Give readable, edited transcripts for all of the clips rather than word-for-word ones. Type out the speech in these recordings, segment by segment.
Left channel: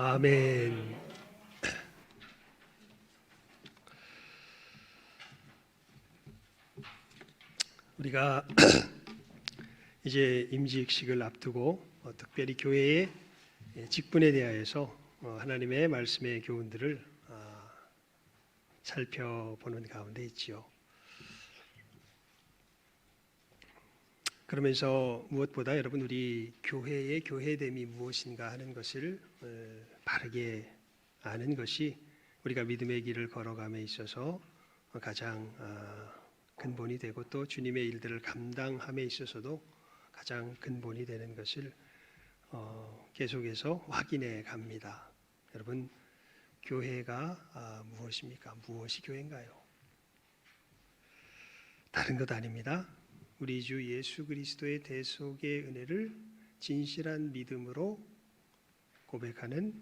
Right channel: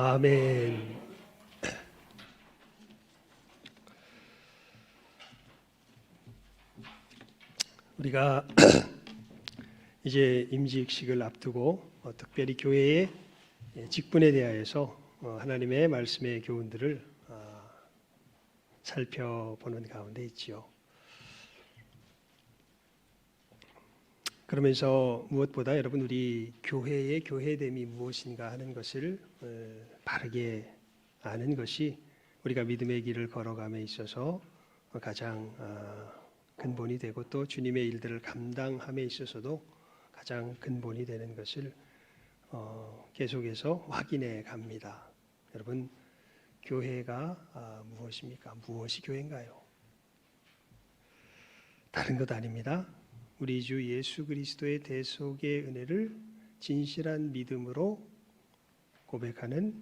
아멘. 우리가 이제 임직식을 앞두고 특별히 교회의 직분에 대하여서 하나님의 말씀의 교훈들을 살펴보는 가운데 있지요. 그러면서 무엇보다 여러분 우리 교회의 교회됨이 무엇인가 하는 것을 바르게 아는 것이 우리가 믿음의 길을 걸어감에 있어서 가장 근본이 되고 또 주님의 일들을 감당함에 있어서도 가장 근본이 되는 것을 계속해서 확인해 갑니다. 여러분 교회가 무엇입니까? 무엇이 교회인가요? 다른 것 아닙니다. 우리 주 예수 그리스도의 대속의 은혜를 진실한 믿음으로 고백하는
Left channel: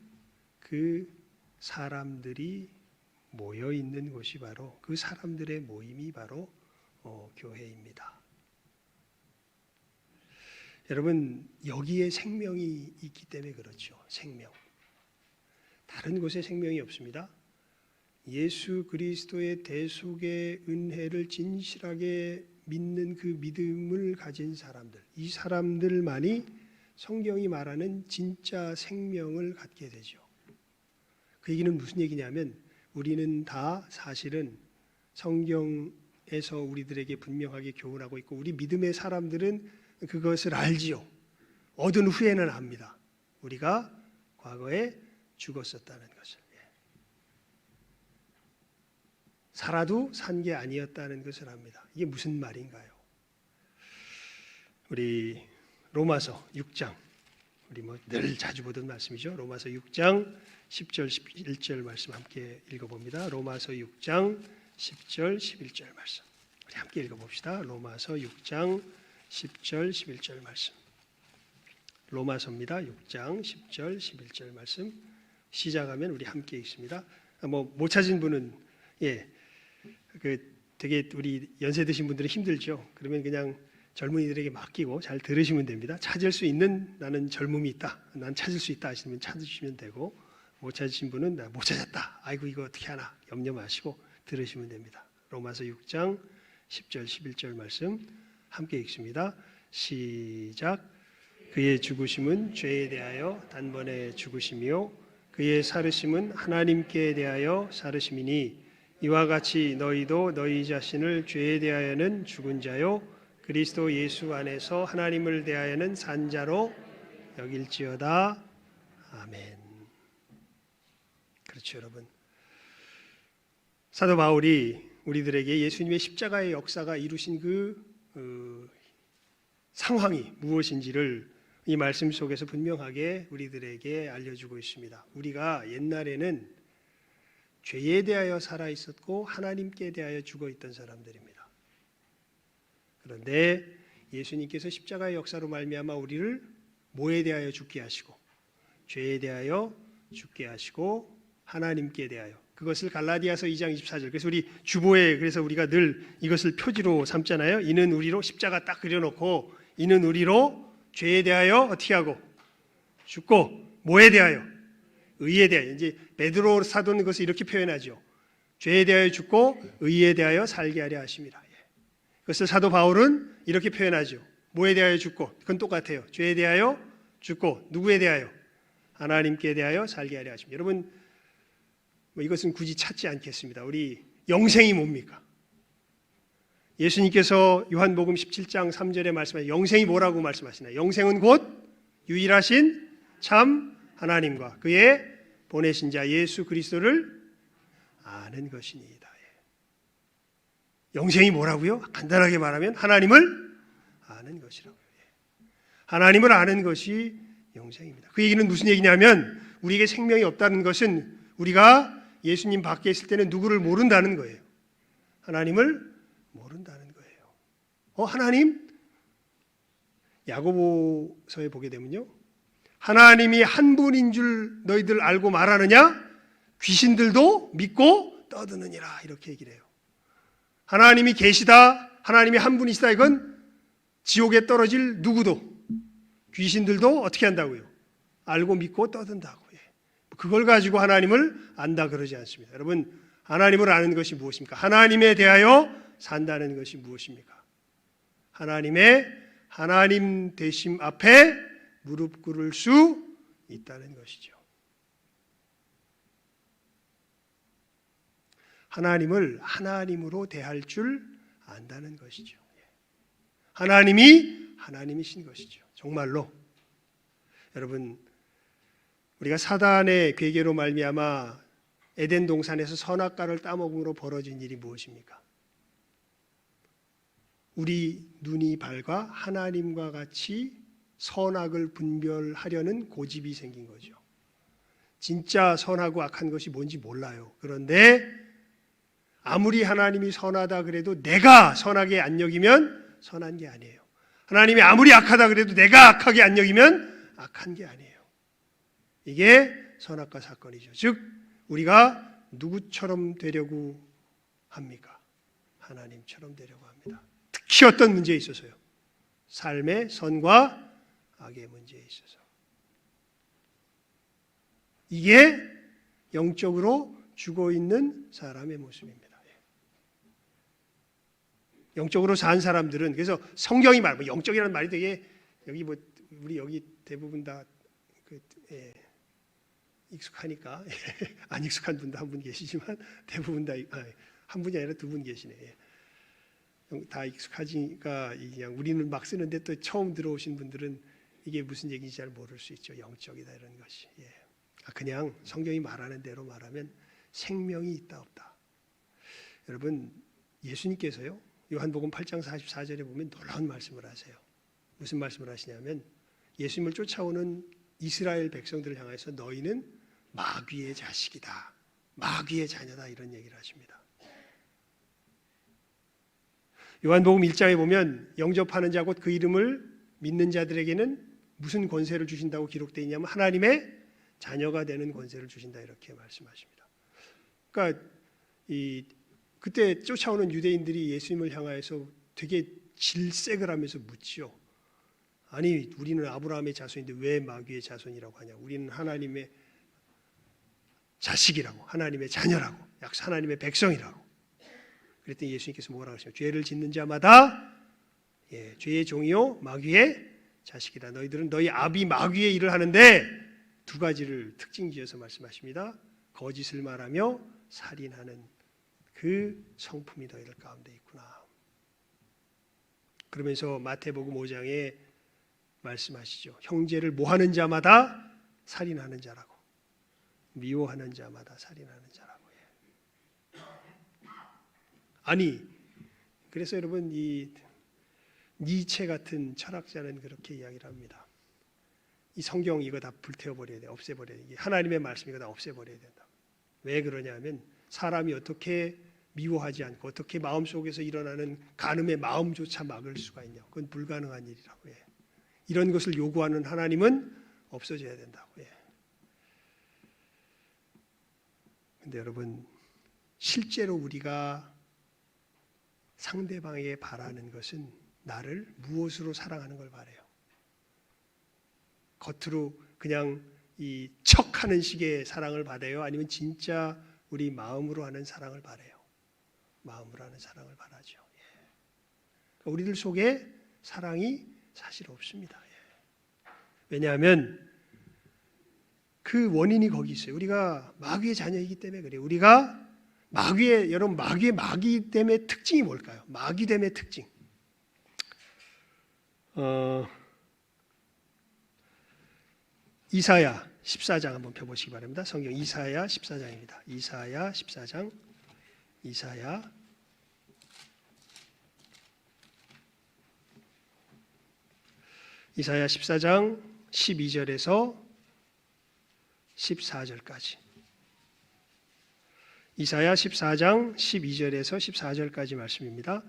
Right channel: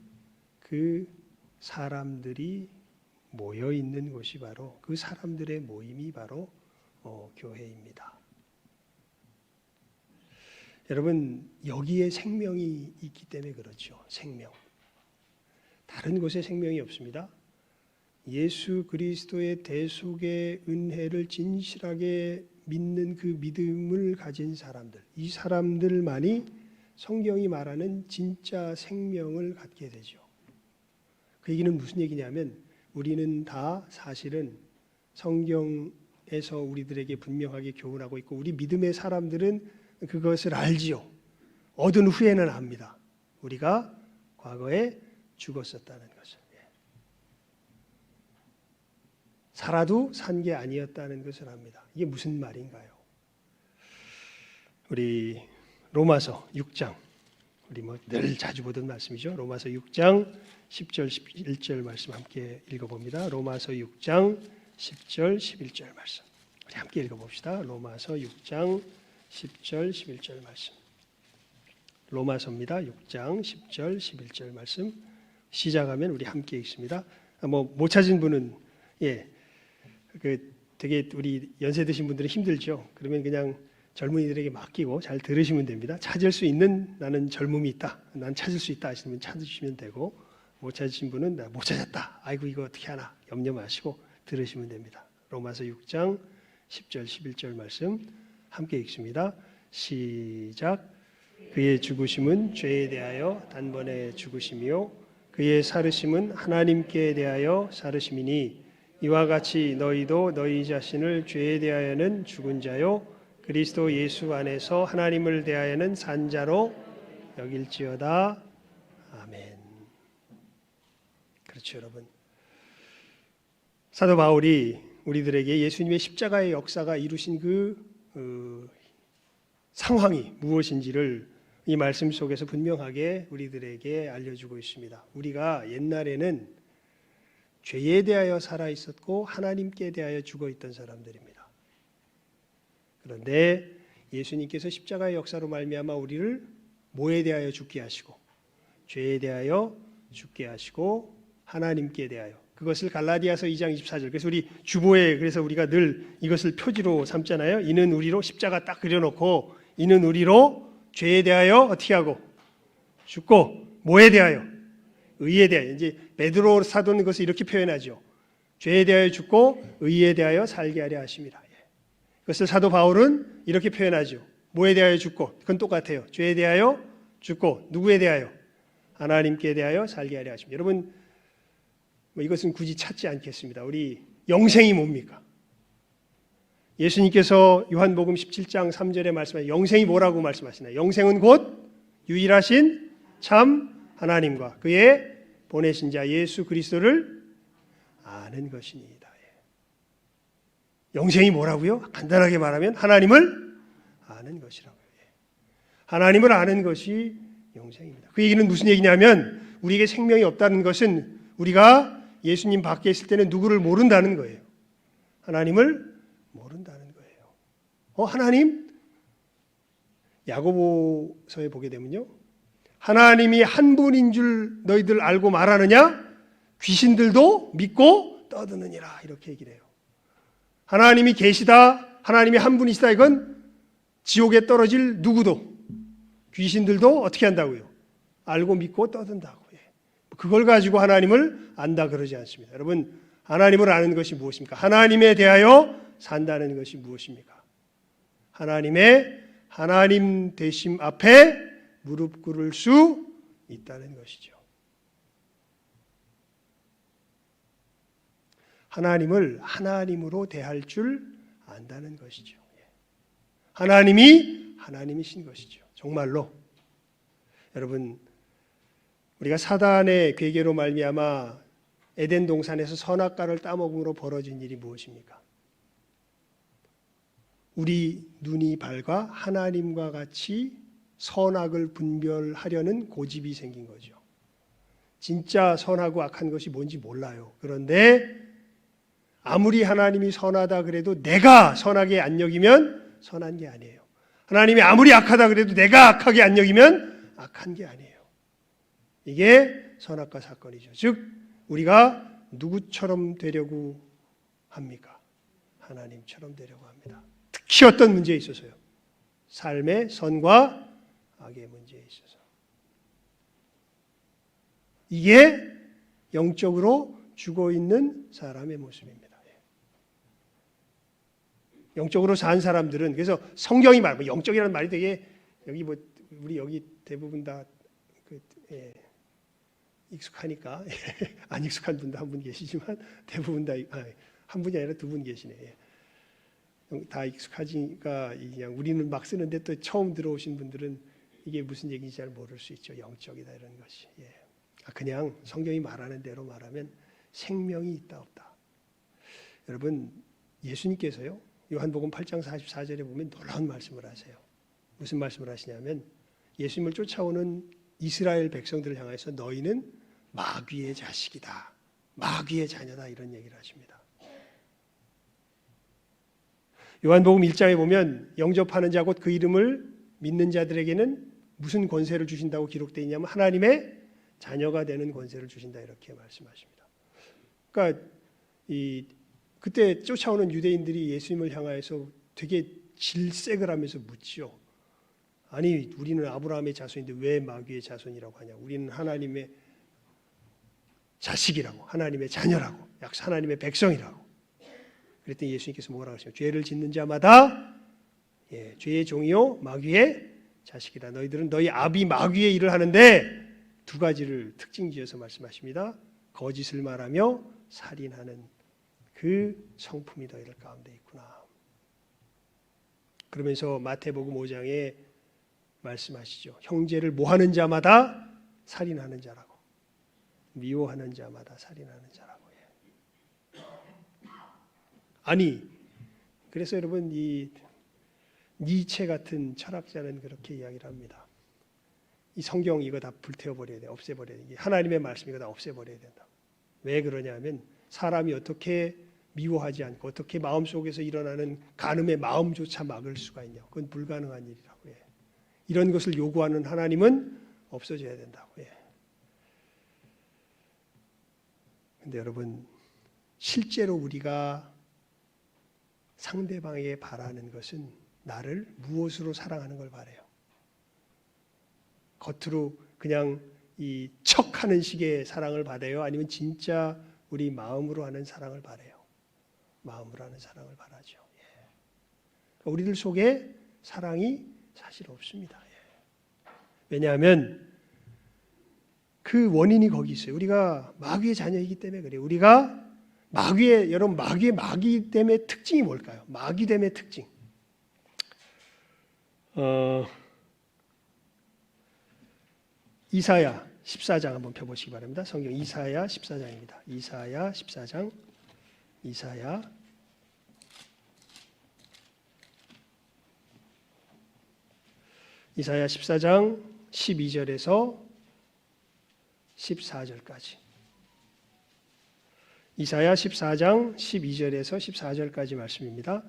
그 사람들이 모여 있는 곳이 바로 그 사람들의 모임이 바로 교회입니다. 여러분 여기에 생명이 있기 때문에 그렇죠. 생명. 다른 곳에 생명이 없습니다. 예수 그리스도의 대속의 은혜를 진실하게 믿는 그 믿음을 가진 사람들, 이 사람들만이 성경이 말하는 진짜 생명을 갖게 되죠. 그 얘기는 무슨 얘기냐면 우리는 다 사실은 성경에서 우리들에게 분명하게 교훈하고 있고 우리 믿음의 사람들은 그것을 알지요. 얻은 후에는 압니다. 우리가 과거에 죽었었다는 것을. 살아도 산 게 아니었다는 것을 압니다. 이게 무슨 말인가요? 우리 로마서 6장, 우리 늘 자주 보던 말씀이죠. 로마서 6장 10절 11절 말씀 함께 읽어봅니다. 로마서 6장 10절 11절 말씀 우리 함께 읽어봅시다. 로마서 6장 10절 11절 말씀 로마서입니다. 6장 10절 11절 말씀 시작하면 우리 함께 읽습니다. 못 찾은 분은 되게 우리 연세 드신 분들은 힘들죠. 그러면 그냥 젊은이들에게 맡기고 잘 들으시면 됩니다. 찾을 수 있는 나는 젊음이 있다. 난 찾을 수 있다 하시는 분 찾으시면 되고 못 찾으신 분은 나 못 찾았다. 아이고 이거 어떻게 하나 염려 마시고 들으시면 됩니다. 로마서 6장 10절 11절 말씀 함께 읽습니다. 시작. 그의 죽으심은 죄에 대하여 단번에 죽으심이요 그의 살으심은 하나님께 대하여 살으심이니 이와 같이 너희도 너희 자신을 죄에 대하여는 죽은 자요 그리스도 예수 안에서 하나님을 대하여는 산 자로 여길지어다. 아멘. 그렇죠, 여러분. 사도 바울이 우리들에게 예수님의 십자가의 역사가 이루신 그 상황이 무엇인지를 이 말씀 속에서 분명하게 우리들에게 알려주고 있습니다. 우리가 옛날에는 죄에 대하여 살아 있었고 하나님께 대하여 죽어 있던 사람들입니다. 그런데 예수님께서 십자가의 역사로 말미암아 우리를 뭐에 대하여 죽게 하시고 죄에 대하여 죽게 하시고 하나님께 대하여 그것을 갈라디아서 2장 24절 그래서 우리 주보에 그래서 우리가 늘 이것을 표지로 삼잖아요. 이는 우리로 십자가 딱 그려놓고 이는 우리로 죄에 대하여 어떻게 하고 죽고 뭐에 대하여 의에 대하여 이제 베드로 사도는 것을 이렇게 표현하죠. 죄에 대하여 죽고 의에 대하여 살게 하려 하심이라. 그것을 사도 바울은 이렇게 표현하죠. 뭐에 대하여 죽고 그건 똑같아요. 죄에 대하여 죽고 누구에 대하여 하나님께 대하여 살게 하려 하십니다. 여러분 이것은 굳이 찾지 않겠습니다. 우리 영생이 뭡니까? 예수님께서 요한복음 17장 3절에 말씀하신 영생이 뭐라고 말씀하시나요? 영생은 곧 유일하신 참 하나님과 그의 보내신 자 예수 그리스도를 아는 것이니이다. 영생이 뭐라고요? 간단하게 말하면 하나님을 아는 것이라고요. 하나님을 아는 것이 영생입니다. 그 얘기는 무슨 얘기냐면 우리에게 생명이 없다는 것은 우리가 예수님 밖에 있을 때는 누구를 모른다는 거예요. 하나님을 모른다는 거예요. 하나님? 야고보서에 보게 되면요. 하나님이 한 분인 줄 너희들 알고 말하느냐? 귀신들도 믿고 떠드느니라 이렇게 얘기를 해요. 하나님이 계시다, 하나님이 한 분이시다 이건 지옥에 떨어질 누구도 귀신들도 어떻게 한다고요? 알고 믿고 떠든다고. 그걸 가지고 하나님을 안다 그러지 않습니다. 여러분, 하나님을 아는 것이 무엇입니까? 하나님에 대하여 산다는 것이 무엇입니까? 하나님의 하나님 되심 앞에 무릎 꿇을 수 있다는 것이죠. 하나님을 하나님으로 대할 줄 안다는 것이죠. 하나님이 하나님이신 것이죠. 정말로 여러분, 우리가 사단의 괴계로 말미암아 에덴 동산에서 선악과를 따먹음으로 벌어진 일이 무엇입니까? 우리 눈이 밝아 하나님과 같이 선악을 분별하려는 고집이 생긴 거죠. 진짜 선하고 악한 것이 뭔지 몰라요. 그런데 아무리 하나님이 선하다 그래도 내가 선하게 안 여기면 선한 게 아니에요. 하나님이 아무리 악하다 그래도 내가 악하게 안 여기면 악한 게 아니에요. 이게 선악과 사건이죠. 즉 우리가 누구처럼 되려고 합니까? 하나님처럼 되려고 합니다. 특히 어떤 문제에 있어서요. 삶의 선과 악의 문제에 있어서. 이게 영적으로 죽어있는 사람의 모습입니다. 영적으로 산 사람들은, 그래서 성경이 말하고 영적이라는 말이 되게 여기 우리 여기 대부분 다 익숙하니까 안 익숙한 분도 한 분 계시지만 대부분 다 한 분이 아니라 두 분 계시네. 다 익숙하지니까 그냥 우리는 막 쓰는데 또 처음 들어오신 분들은 이게 무슨 얘기인지 잘 모를 수 있죠. 영적이다 이런 것이. 그냥 성경이 말하는 대로 말하면 생명이 있다 없다. 여러분, 예수님께서요 요한복음 8장 44절에 보면 놀라운 말씀을 하세요. 무슨 말씀을 하시냐면 예수님을 쫓아오는 이스라엘 백성들을 향해서 너희는 마귀의 자식이다, 마귀의 자녀다, 이런 얘기를 하십니다. 요한복음 1장에 보면 영접하는 자 곧 그 이름을 믿는 자들에게는 무슨 권세를 주신다고 기록되어 있냐면 하나님의 자녀가 되는 권세를 주신다, 이렇게 말씀하십니다. 그러니까 그때 쫓아오는 유대인들이 예수님을 향하여서 되게 질색을 하면서 묻지요. 아니, 우리는 아브라함의 자손인데 왜 마귀의 자손이라고 하냐? 우리는 하나님의 자식이라고, 하나님의 자녀라고, 하나님의 백성이라고. 그랬더니 예수님께서 뭐라고 하시냐? 죄를 짓는 자마다 죄의 종이요 마귀의 자식이다. 너희들은 너희 아비 마귀의 일을 하는데 두 가지를 특징지어서 말씀하십니다. 거짓을 말하며 살인하는 그 성품이 너희들 가운데 있구나. 그러면서 마태복음 5장에 말씀하시죠. 형제를 모하는 자마다 살인하는 자라고, 미워하는 자마다 살인하는 자라고. 아니, 그래서 여러분 이 니체 같은 철학자는 그렇게 이야기를 합니다. 이 성경 이거 다 불태워버려야 돼, 없애버려야 돼. 하나님의 말씀 이거 다 없애버려야 된다. 왜 그러냐면 사람이 어떻게 미워하지 않고 어떻게 마음속에서 일어나는 간음의 마음조차 막을 수가 있냐. 그건 불가능한 일이라고 해. 이런 것을 요구하는 하나님은 없어져야 된다고 해. 근데 여러분, 실제로 우리가 상대방에게 바라는 것은 나를 무엇으로 사랑하는 걸 바라요. 겉으로 그냥 이 척하는 식의 사랑을 받아요? 아니면 진짜 우리 마음으로 하는 사랑을 바라요? 마음으로 하는 사랑을 바라죠. 우리들 속에 사랑이 사실 없습니다. 왜냐하면 그 원인이 거기 있어요. 우리가 마귀의 자녀이기 때문에 그래요. 우리가 여러분 마귀됨의 특징이 뭘까요? 마귀됨의 특징. 이사야 14장 한번 펴보시기 바랍니다. 성경 이사야 14장입니다. 이사야 14장. 이사야 14장 12절에서 14절까지. 이사야 14장 12절에서 14절까지 말씀입니다.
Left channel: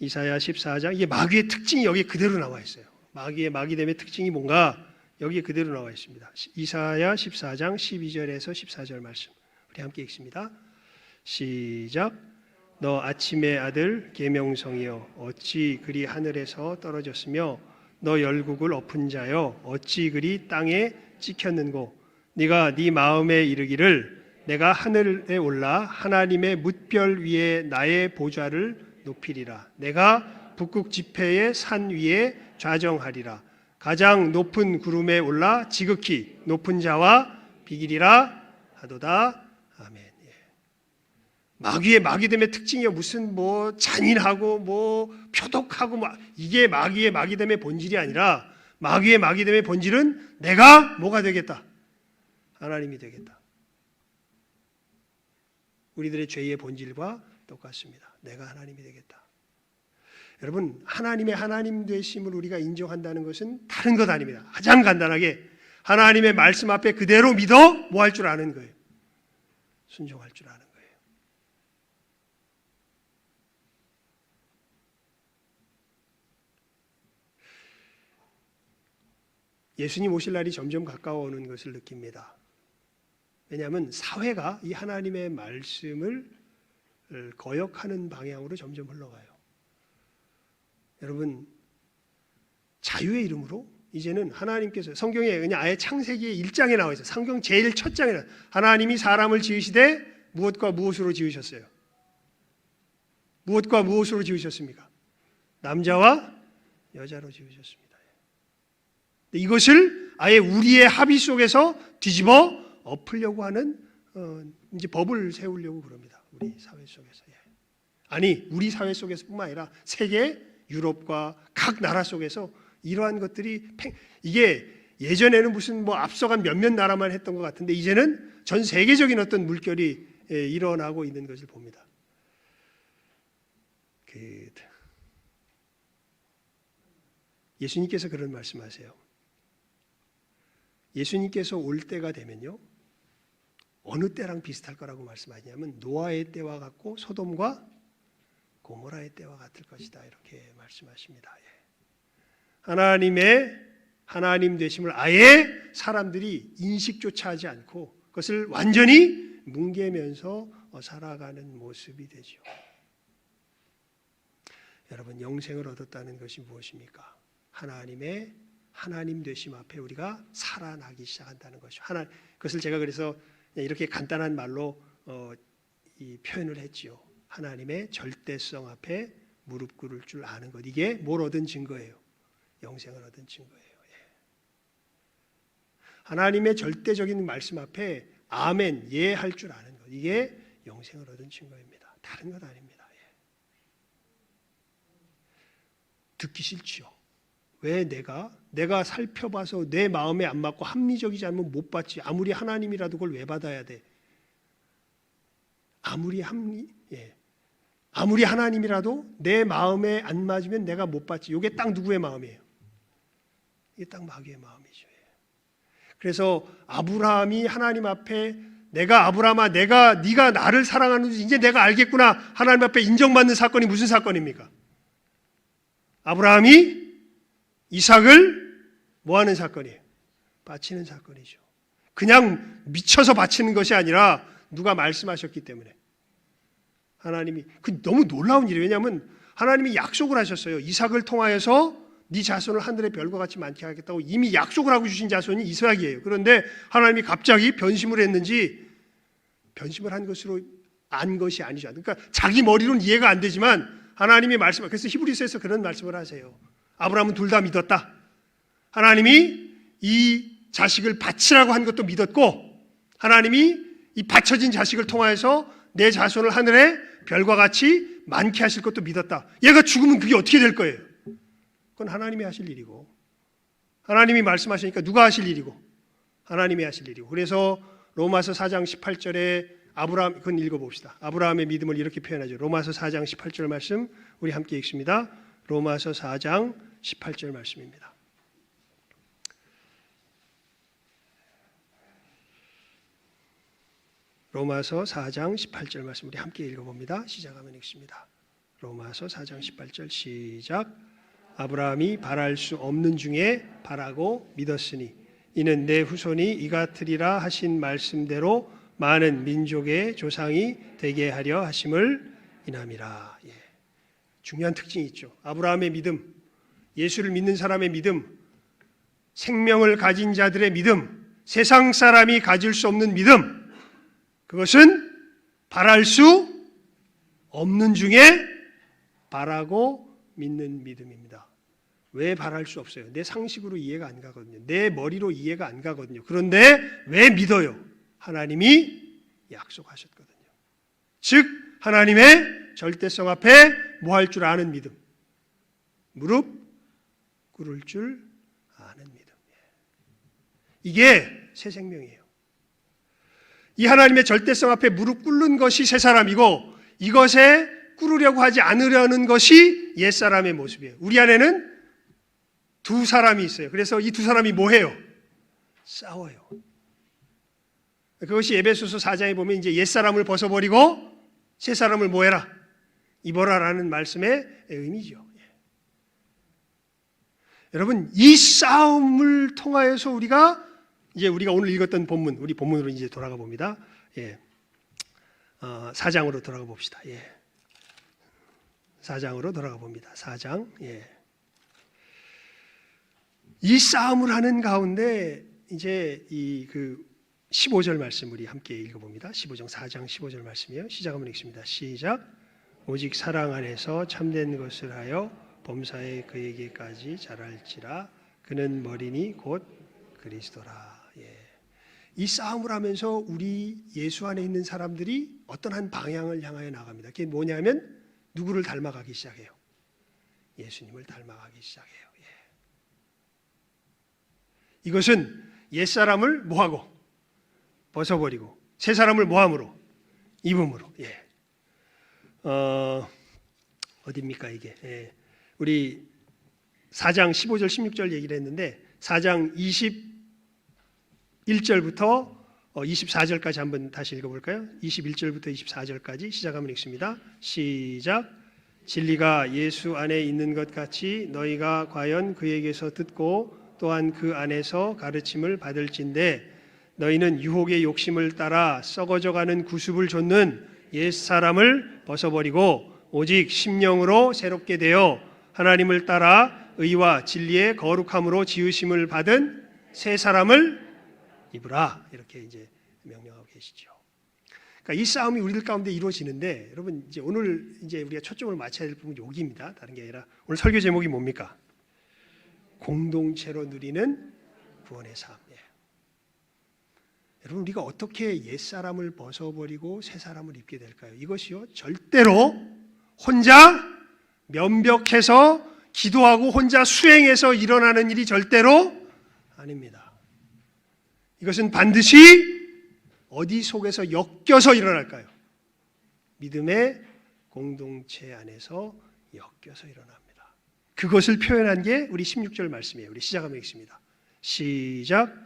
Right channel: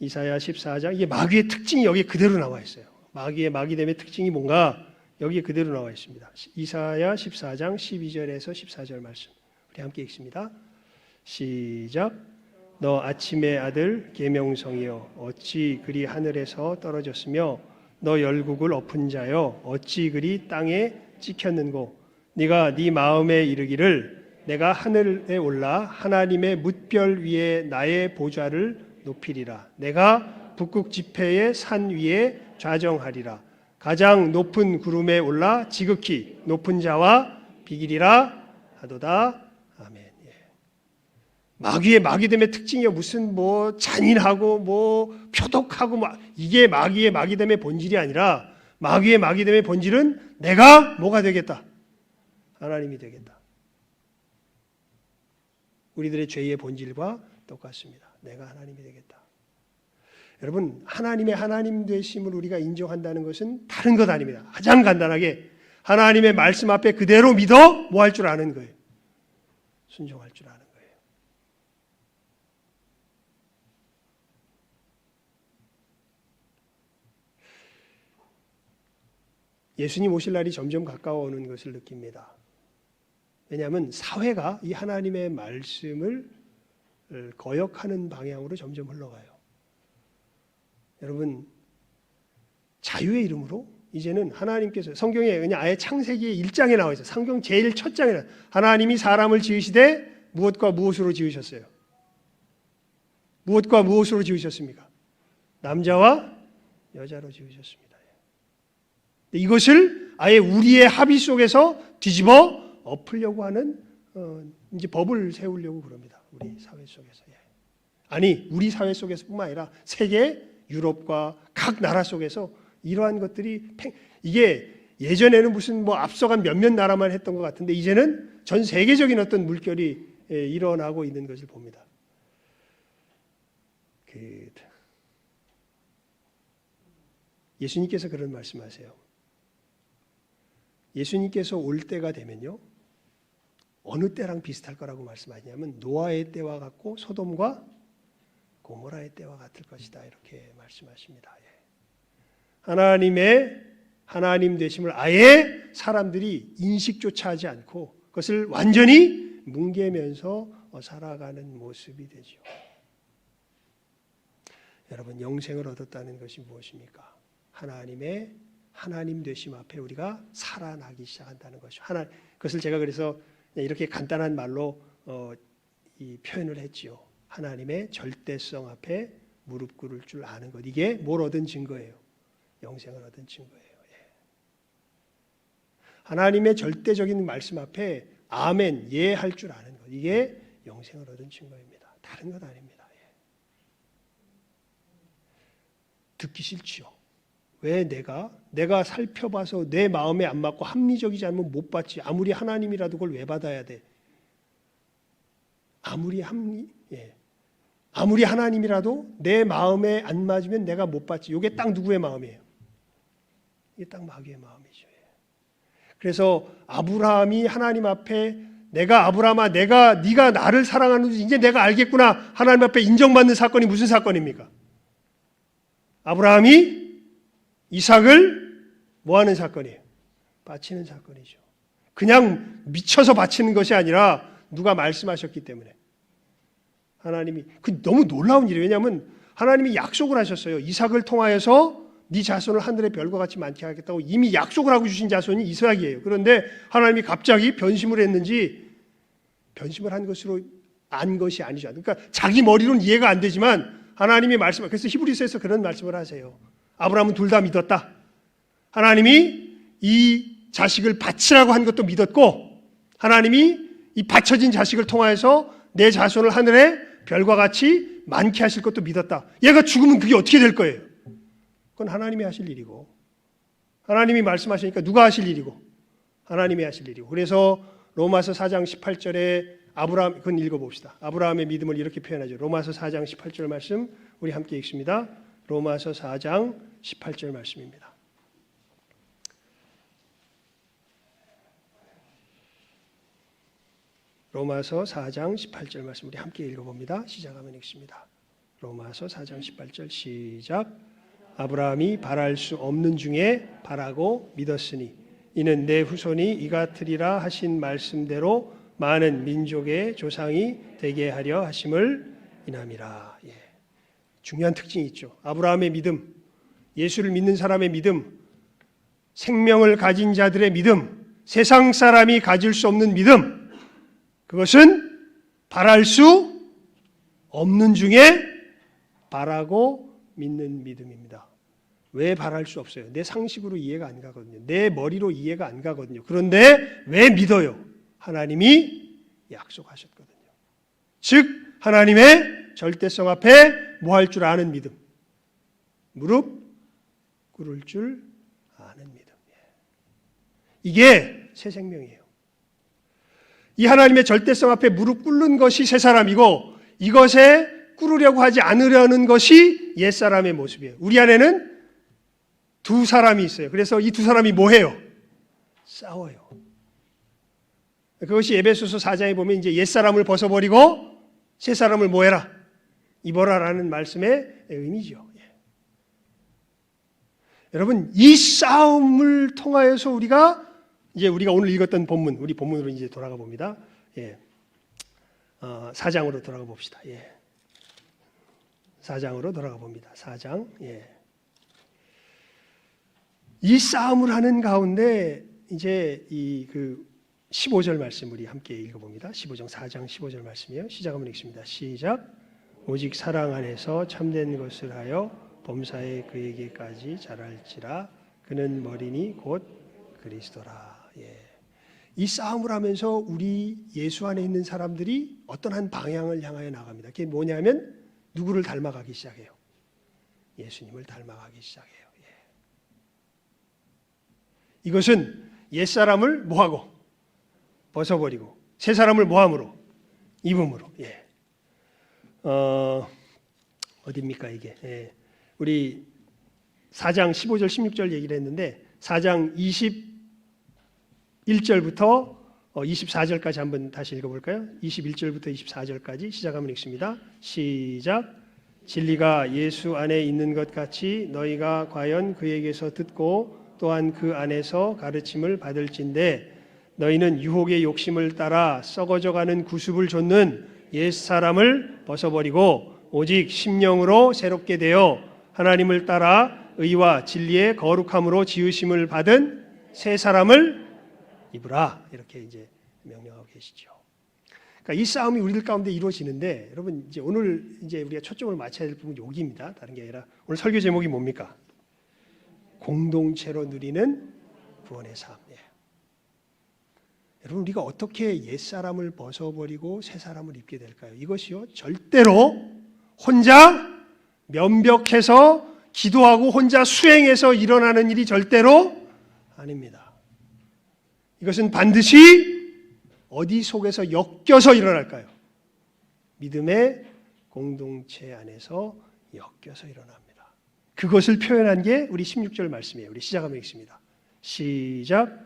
이사야 14장, 이게 마귀의 특징이 여기 그대로 나와 있어요. 마귀됨의 특징이 뭔가 여기에 그대로 나와 있습니다. 이사야 14장 12절에서 14절 말씀 우리 함께 읽습니다. 시작. 너 아침의 아들 계명성이여 어찌 그리 하늘에서 떨어졌으며 너 열국을 엎은 자여 어찌 그리 땅에 찍혔는고 네가 네 마음에 이르기를 내가 하늘에 올라 하나님의 뭇별 위에 나의 보좌를 높이리라. 내가 북극 지폐의 산 위에 좌정하리라. 가장 높은 구름에 올라 지극히 높은 자와 비기리라 하도다. 아멘. 예. 마귀의 마귀됨의 특징이 무슨 뭐 잔인하고 뭐 표독하고 이게 마귀의 마귀됨의 본질이 아니라 마귀의 마귀됨의 본질은 내가 뭐가 되겠다? 하나님이 되겠다. 우리들의 죄의 본질과 똑같습니다. 내가 하나님이 되겠다. 여러분, 하나님의 하나님 되심을 우리가 인정한다는 것은 다른 것 아닙니다. 가장 간단하게 하나님의 말씀 앞에 그대로 믿어 뭐 할 줄 아는 거예요. 순종할 줄 아는 거예요. 예수님 오실 날이 점점 가까워오는 것을 느낍니다. 왜냐하면 사회가 이 하나님의 말씀을 거역하는 방향으로 점점 흘러가요. 여러분, 자유의 이름으로 이제는 하나님께서 성경에 그냥 아예 창세기 1장에 나와 있어요. 성경 제일 첫 장에 하나님이 사람을 지으시되 무엇과 무엇으로 지으셨어요? 무엇과 무엇으로 지으셨습니까? 남자와 여자로 지으셨습니다. 이것을 아예 우리의 합의 속에서 뒤집어 엎으려고 하는 이제 법을 세우려고 그럽니다. 우리 사회 속에서. 아니, 우리 사회 속에서뿐만 아니라 세계 유럽과 각 나라 속에서 이러한 것들이 이게 예전에는 무슨 뭐 앞서간 몇몇 나라만 했던 것 같은데 이제는 전 세계적인 어떤 물결이 일어나고 있는 것을 봅니다. 예수님께서 그런 말씀하세요. 예수님께서 올 때가 되면요, 어느 때랑 비슷할 거라고 말씀하시냐면 노아의 때와 같고 소돔과 고모라의 때와 같을 것이다, 이렇게 말씀하십니다. 하나님의 하나님 되심을 아예 사람들이 인식조차 하지 않고 그것을 완전히 뭉개면서 살아가는 모습이 되죠. 여러분, 영생을 얻었다는 것이 무엇입니까? 하나님의 하나님 되심 앞에 우리가 살아나기 시작한다는 것이죠. 그것을 제가 그래서 이렇게 간단한 말로 이 표현을 했지요. 하나님의 절대성 앞에 무릎 꿇을 줄 아는 것. 이게 뭘 얻은 증거예요? 영생을 얻은 증거예요. 하나님의 절대적인 말씀 앞에 아멘, 예 할 줄 아는 것. 이게 영생을 얻은 증거입니다. 다른 것 아닙니다. 듣기 싫지요. 왜 내가 살펴봐서 내 마음에 안 맞고 합리적이지 않으면 못 받지. 아무리 하나님이라도 그걸 왜 받아야 돼? 아무리 하나님이라도 내 마음에 안 맞으면 내가 못 받지. 이게 딱 누구의 마음이에요? 이게 딱 마귀의 마음이죠. 그래서 아브라함이 하나님 앞에 내가 아브라함아, 네가 나를 사랑하는지 이제 내가 알겠구나. 하나님 앞에 인정받는 사건이 무슨 사건입니까? 아브라함이 이삭을 뭐하는 사건이에요? 바치는 사건이죠. 그냥 미쳐서 바치는 것이 아니라 누가 말씀하셨기 때문에. 하나님이 너무 놀라운 일이에요. 왜냐하면 하나님이 약속을 하셨어요. 이삭을 통하여서 네 자손을 하늘의 별과 같이 많게 하겠다고 이미 약속을 하고 주신 자손이 이삭이에요. 그런데 하나님이 갑자기 변심을 했는지 변심을 한 것으로 안 것이 아니죠. 그러니까 자기 머리로는 이해가 안 되지만 하나님이 말씀, 그래서 히브리서에서 그런 말씀을 하세요. 아브라함은 둘 다 믿었다. 하나님이 이 자식을 바치라고 한 것도 믿었고 하나님이 이 바쳐진 자식을 통하여서 내 자손을 하늘의 별과 같이 많게 하실 것도 믿었다. 얘가 죽으면 그게 어떻게 될 거예요? 그건 하나님이 하실 일이고 하나님이 말씀하시니까 누가 하실 일이고 하나님이 하실 일이고 그래서 로마서 4장 18절에 아브라함, 그건 읽어봅시다. 아브라함의 믿음을 이렇게 표현하죠. 로마서 4장 18절 말씀 우리 함께 읽습니다. 로마서 4장 18절 말씀입니다. 로마서 4장 18절 말씀 우리 함께 읽어봅니다. 시작하면 읽습니다. 로마서 4장 18절 시작. 아브라함이 바랄 수 없는 중에 바라고 믿었으니 이는 내 후손이 이같으리라 하신 말씀대로 많은 민족의 조상이 되게 하려 하심을 인함이라. 중요한 특징이 있죠. 아브라함의 믿음, 예수를 믿는 사람의 믿음, 생명을 가진 자들의 믿음, 세상 사람이 가질 수 없는 믿음, 그것은 바랄 수 없는 중에 바라고 믿는 믿음입니다. 왜 바랄 수 없어요? 내 상식으로 이해가 안 가거든요. 내 머리로 이해가 안 가거든요. 그런데 왜 믿어요? 하나님이 약속하셨거든요. 즉 하나님의 절대성 앞에 뭐 할 줄 아는 믿음, 무릎 꿇을 줄 아는 믿음. 이게 새 생명이에요. 이 하나님의 절대성 앞에 무릎 꿇는 것이 새 사람이고, 이것에 꿇으려고 하지 않으려는 것이 옛사람의 모습이에요. 우리 안에는 두 사람이 있어요. 그래서 이 두 사람이 뭐 해요? 싸워요. 그것이 에베소서 4장에 보면 이제 옛사람을 벗어버리고 새 사람을 뭐 해라? 입어라라는 말씀의 의미죠. 여러분, 이 싸움을 통하여서 우리가 오늘 읽었던 본문, 우리 본문으로 이제 돌아가 봅니다. 4장으로 돌아가 봅시다. 4장으로 돌아가 봅니다. 4장. 이 싸움을 하는 가운데 이제 이 15절 말씀 우리 함께 읽어봅니다. 15장 4장 15절 말씀이에요. 시작 한번 읽습니다. 시작. 오직 사랑 안에서 참된 것을 하여 범사에 그에게까지 자랄지라. 그는 머리니 곧 그리스도라. 이 싸움을 하면서 우리 예수 안에 있는 사람들이 어떤 한 방향을 향하여 나갑니다. 그게 뭐냐면 누구를 닮아가기 시작해요? 예수님을 닮아가기 시작해요. 이것은 옛사람을 뭐하고? 벗어버리고 새 사람을 뭐함으로? 입음으로. 어디입니까 이게? 우리 4장 15절 16절 얘기를 했는데 4장 21절부터 24절까지 한번 다시 읽어볼까요? 21절부터 24절까지 시작 한번 읽습니다. 시작. 진리가 예수 안에 있는 것 같이 너희가 과연 그에게서 듣고 또한 그 안에서 가르침을 받을진대 너희는 유혹의 욕심을 따라 썩어져가는 구습을 좇는 옛사람을 벗어버리고 오직 심령으로 새롭게 되어 하나님을 따라 의와 진리의 거룩함으로 지으심을 받은 새 사람을 입으라. 이렇게 이제 명령하고 계시죠. 그러니까 이 싸움이 우리들 가운데 이루어지는데 여러분 이제 오늘 이제 우리가 초점을 맞춰야 될 부분이 여기입니다. 다른 게 아니라 오늘 설교 제목이 뭡니까? 공동체로 누리는 구원의 삶. 여러분 우리가 어떻게 옛사람을 벗어버리고 새 사람을 입게 될까요? 이것이요 절대로 혼자 면벽해서 기도하고 혼자 수행해서 일어나는 일이 절대로 아닙니다. 이것은 반드시 어디 속에서 엮여서 일어날까요? 믿음의 공동체 안에서 엮여서 일어납니다. 그것을 표현한 게 우리 16절 말씀이에요. 우리 시작하면 읽습니다. 시작.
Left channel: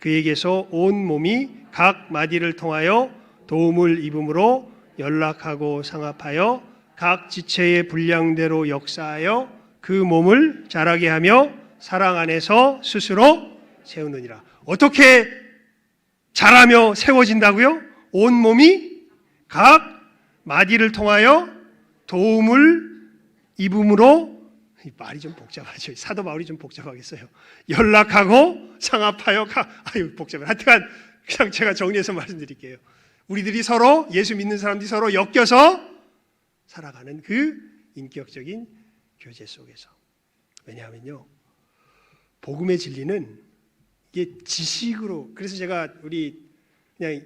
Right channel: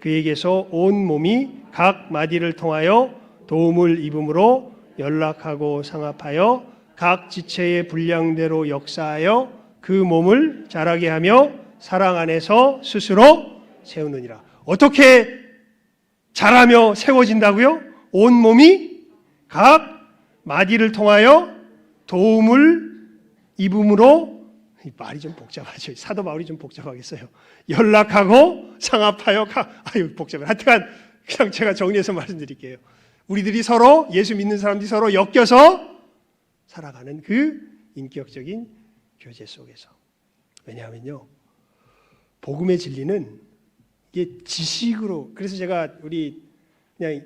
그에게서 온 몸이 각 마디를 통하여 도움을 입음으로 연락하고 상합하여 각 지체의 분량대로 역사하여 그 몸을 자라게 하며 사랑 안에서 스스로 세우느니라. 어떻게 자라며 세워진다고요? 온 몸이 각 마디를 통하여 도움을 입음으로, 말이 좀 복잡하죠. 사도 바울이 좀 복잡하겠어요. 연락하고 상합하여 복잡해. 하여튼 그냥 제가 정리해서 말씀드릴게요. 우리들이 서로 예수 믿는 사람들이 서로 엮여서 살아가는 그 인격적인 교제 속에서. 왜냐하면요, 복음의 진리는 이게 지식으로, 그래서 제가 우리 그냥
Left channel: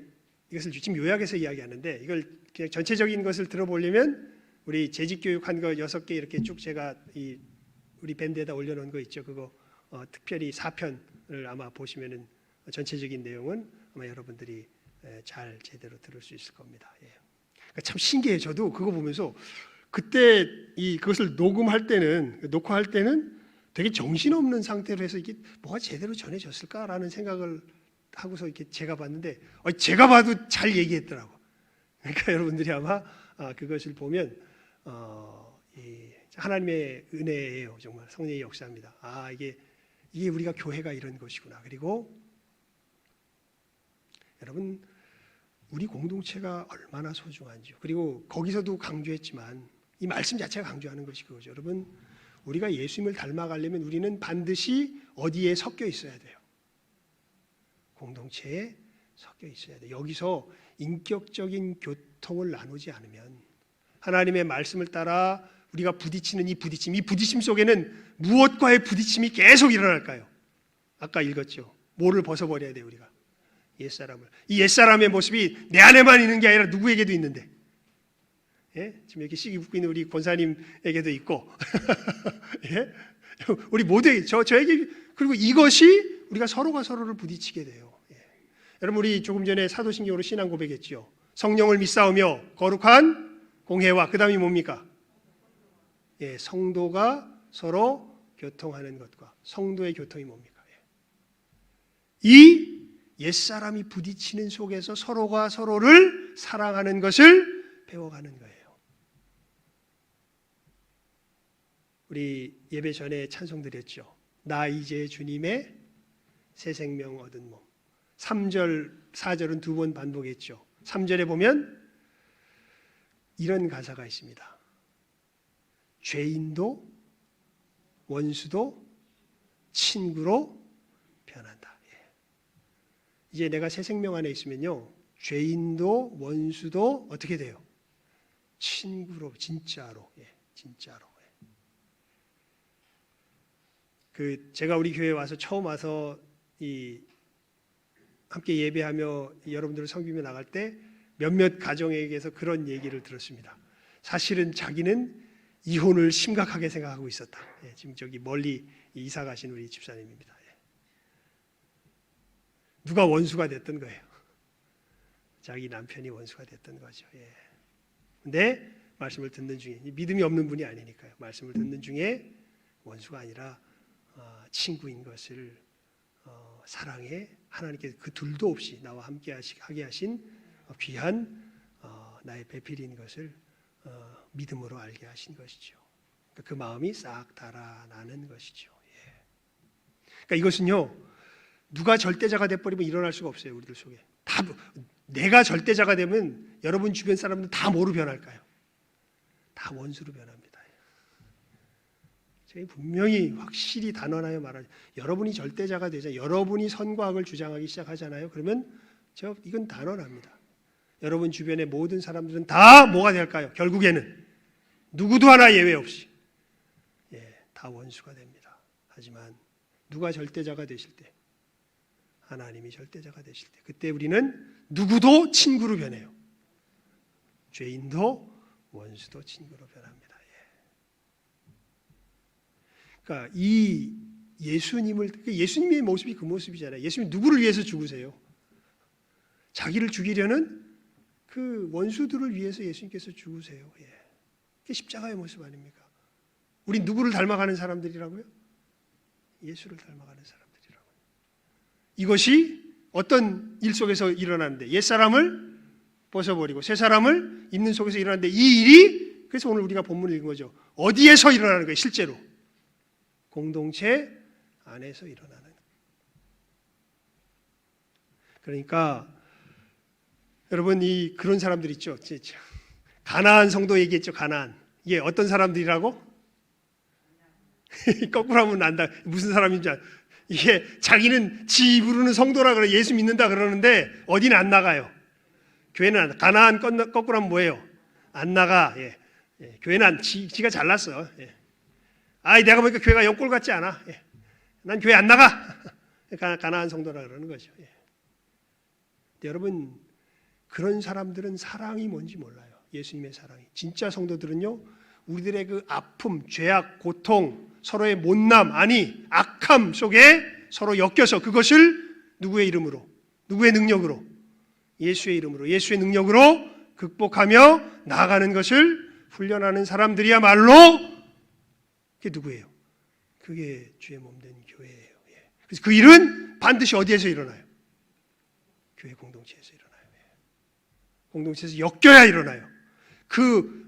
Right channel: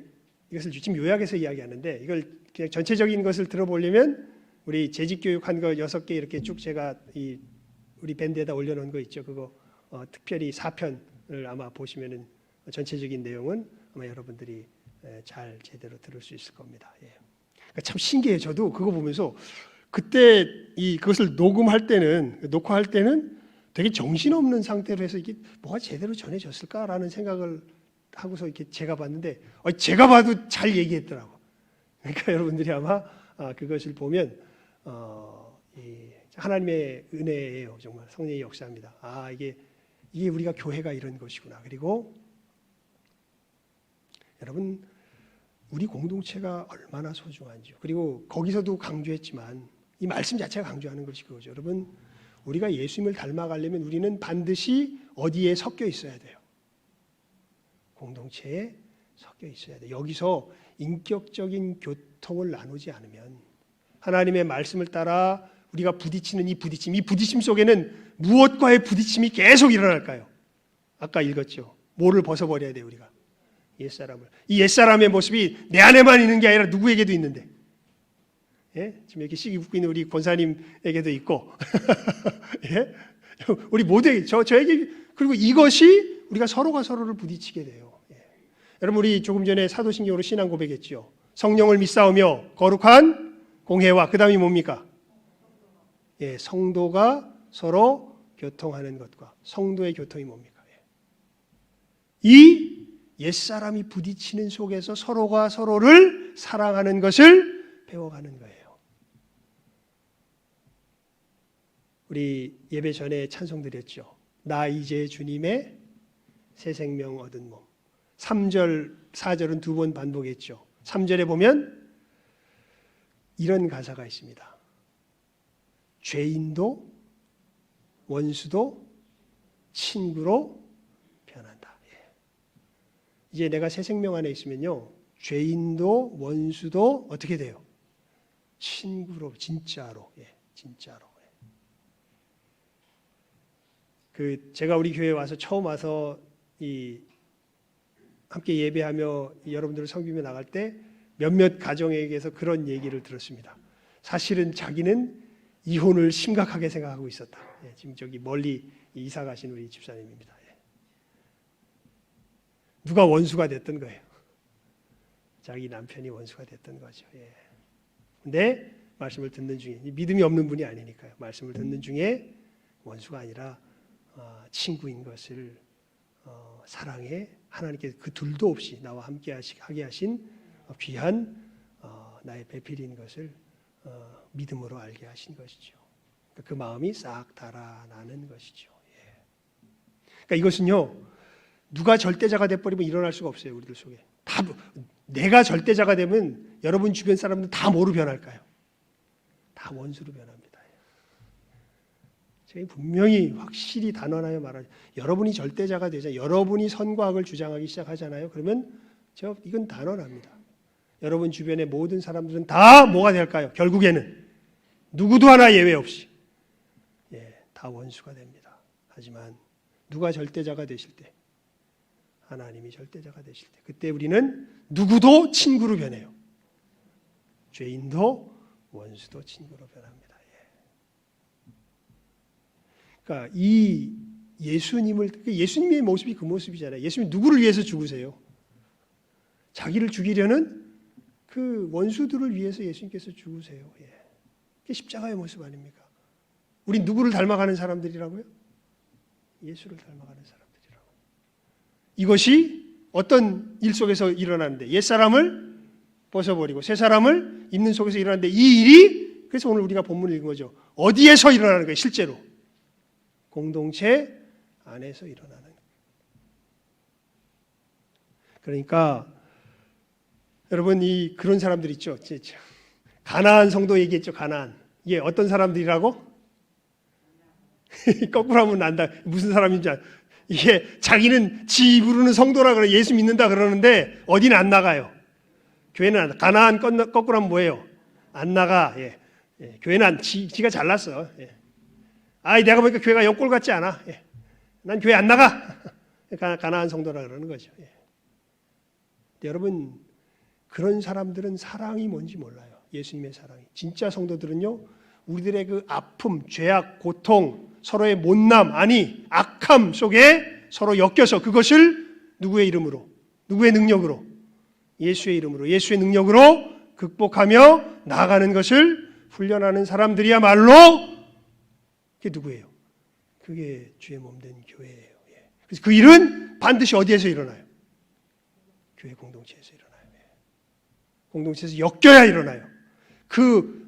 이것을 지금 요약해서 이야기하는데 이걸 그냥 전체적인 것을 들어보려면 우리 재직교육한 거 6개 이렇게 쭉 제가 우리 밴드에다 올려놓은 거 있죠. 그거 특별히 4편을 아마 보시면은 전체적인 내용은 아마 여러분들이 잘 제대로 들을 수 있을 겁니다. 그러니까 참 신기해요. 저도 그거 보면서 그때 그것을 녹음할 때는 되게 정신없는 상태로 해서 이게 뭐가 제대로 전해졌을까라는 생각을 하고서 이렇게 제가 봤는데 제가 봐도 잘 얘기했더라고. 그러니까 여러분들이 아마 그것을 보면 하나님의 은혜예요. 정말 성령의 역사입니다. 이게 우리가 교회가 이런 것이구나. 그리고 여러분 우리 공동체가 얼마나 소중한지, 그리고 거기서도 강조했지만 이 말씀 자체가 강조하는 것이 그거죠. 여러분 우리가 예수님을 닮아가려면 우리는 반드시 어디에 섞여 있어야 돼요? 공동체에 섞여 있어야 돼. 여기서 인격적인 교통을 나누지 않으면 하나님의 말씀을 따라 우리가 부딪히는 이 부딪힘 속에는 무엇과의 부딪힘이 계속 일어날까요? 아까 읽었죠. 뭐를 벗어버려야 돼요, 우리가? 옛사람을. 이 옛사람의 모습이 내 안에만 있는 게 아니라 누구에게도 있는데. 예? 지금 이렇게 씩 웃고 있는 우리 권사님에게도 있고. 예? 우리 모두에게, 저에게, 그리고 이것이 우리가 서로가 서로를 부딪히게 돼요. 예. 여러분, 우리 조금 전에 사도신경으로 신앙 고백했죠. 성령을 믿사오며 거룩한 공회와 그 다음이 뭡니까? 예, 성도가 서로 교통하는 것과 성도의 교통이 뭡니까? 이 옛사람이 부딪히는 속에서 서로가 서로를 사랑하는 것을 배워가는 거예요. 우리 예배 전에 찬송 드렸죠. 나 이제 주님의 새 생명 얻은 몸. 3절, 4절은 두 번 반복했죠. 3절에 보면 이런 가사가 있습니다. 죄인도 원수도 친구로 변한다. 이제 내가 새 생명 안에 있으면요, 죄인도 원수도 어떻게 돼요? 친구로, 진짜로, 진짜로. 제가 우리 교회에 와서 처음 와서 함께 예배하며 여러분들을 섬기며 나갈 때 몇몇 가정에게서 그런 얘기를 들었습니다. 사실은 자기는 이혼을 심각하게 생각하고 있었다. 지금 저기 멀리 이사 가신 우리 집사님입니다. 누가 원수가 됐던 거예요. 자기 남편이 원수가 됐던 거죠. 근데 말씀을 듣는 중에, 믿음이 없는 분이 아니니까요. 말씀을 듣는 중에 원수가 아니라 친구인 것을 사랑해 하나님께서 그 둘도 없이 나와 함께 하게 하신 귀한 나의 배필인 것을 믿음으로 알게 하신 것이죠. 그 마음이 싹 달아나는 것이죠. 그러니까 이것은요, 누가 절대자가 돼버리면 일어날 수가 없어요. 우리들 속에 다 내가 절대자가 되면 여러분 주변 사람들 다 뭐로 변할까요? 다 원수로 변합니다. 제가 분명히 확실히 단언하여 말하죠. 여러분이 절대자가 되자, 여러분이 선과 악을 주장하기 시작하잖아요. 그러면 이건 단언합니다. 여러분 주변의 모든 사람들은 다 뭐가 될까요? 결국에는 누구도 하나 예외 없이 다 원수가 됩니다. 하지만 누가 절대자가 되실 때, 하나님이 절대자가 되실 때, 그때 우리는 누구도 친구로 변해요. 죄인도 원수도 친구로 변합니다. 그러니까 이 예수님의 모습이 그 모습이잖아요. 예수님 누구를 위해서 죽으세요? 자기를 죽이려는 그 원수들을 위해서 예수님께서 죽으세요. 그게 십자가의 모습 아닙니까? 우리 누구를 닮아가는 사람들이라고요? 예수를 닮아가는 사람들이라고요. 이것이 어떤 일 속에서 일어나는데, 옛사람을 벗어버리고 새 사람을 입는 속에서 일어나는데, 이 일이, 그래서 오늘 우리가 본문을 읽은 거죠. 어디에서 일어나는 거예요? 실제로 공동체 안에서 일어나는 거예요. 그러니까 여러분, 그런 사람들 있죠. 가나안 성도 얘기했죠. 가나안. 이게 어떤 사람들이라고? 거꾸로 하면 안다. 무슨 사람인지 이게 자기는 지 부르는 성도라 그래, 예수 믿는다 그러는데 어디는 안 나가요. 교회는 안 나가. 가나안 거꾸로 하면 뭐예요? 안 나가. 교회는 지가 잘났어. 내가 보니까 교회가 옆골 같지 않아. 난 교회 안 나가. 가나안 성도라 그러는 거죠. 여러분, 그런 사람들은 사랑이 뭔지 몰라요. 예수님의 사랑이. 진짜 성도들은요, 우리들의 그 아픔, 죄악, 고통, 서로의 못남, 아니 악함 속에 서로 엮여서 그것을 누구의 이름으로, 누구의 능력으로, 예수의 이름으로, 예수의 능력으로 극복하며 나아가는 것을 훈련하는 사람들이야말로 그게 누구예요? 그게 주의 몸된 교회예요. 그래서 그 일은 반드시 어디에서 일어나요? 교회 공동체에서 일어나요. 공동체에서 엮여야 일어나요.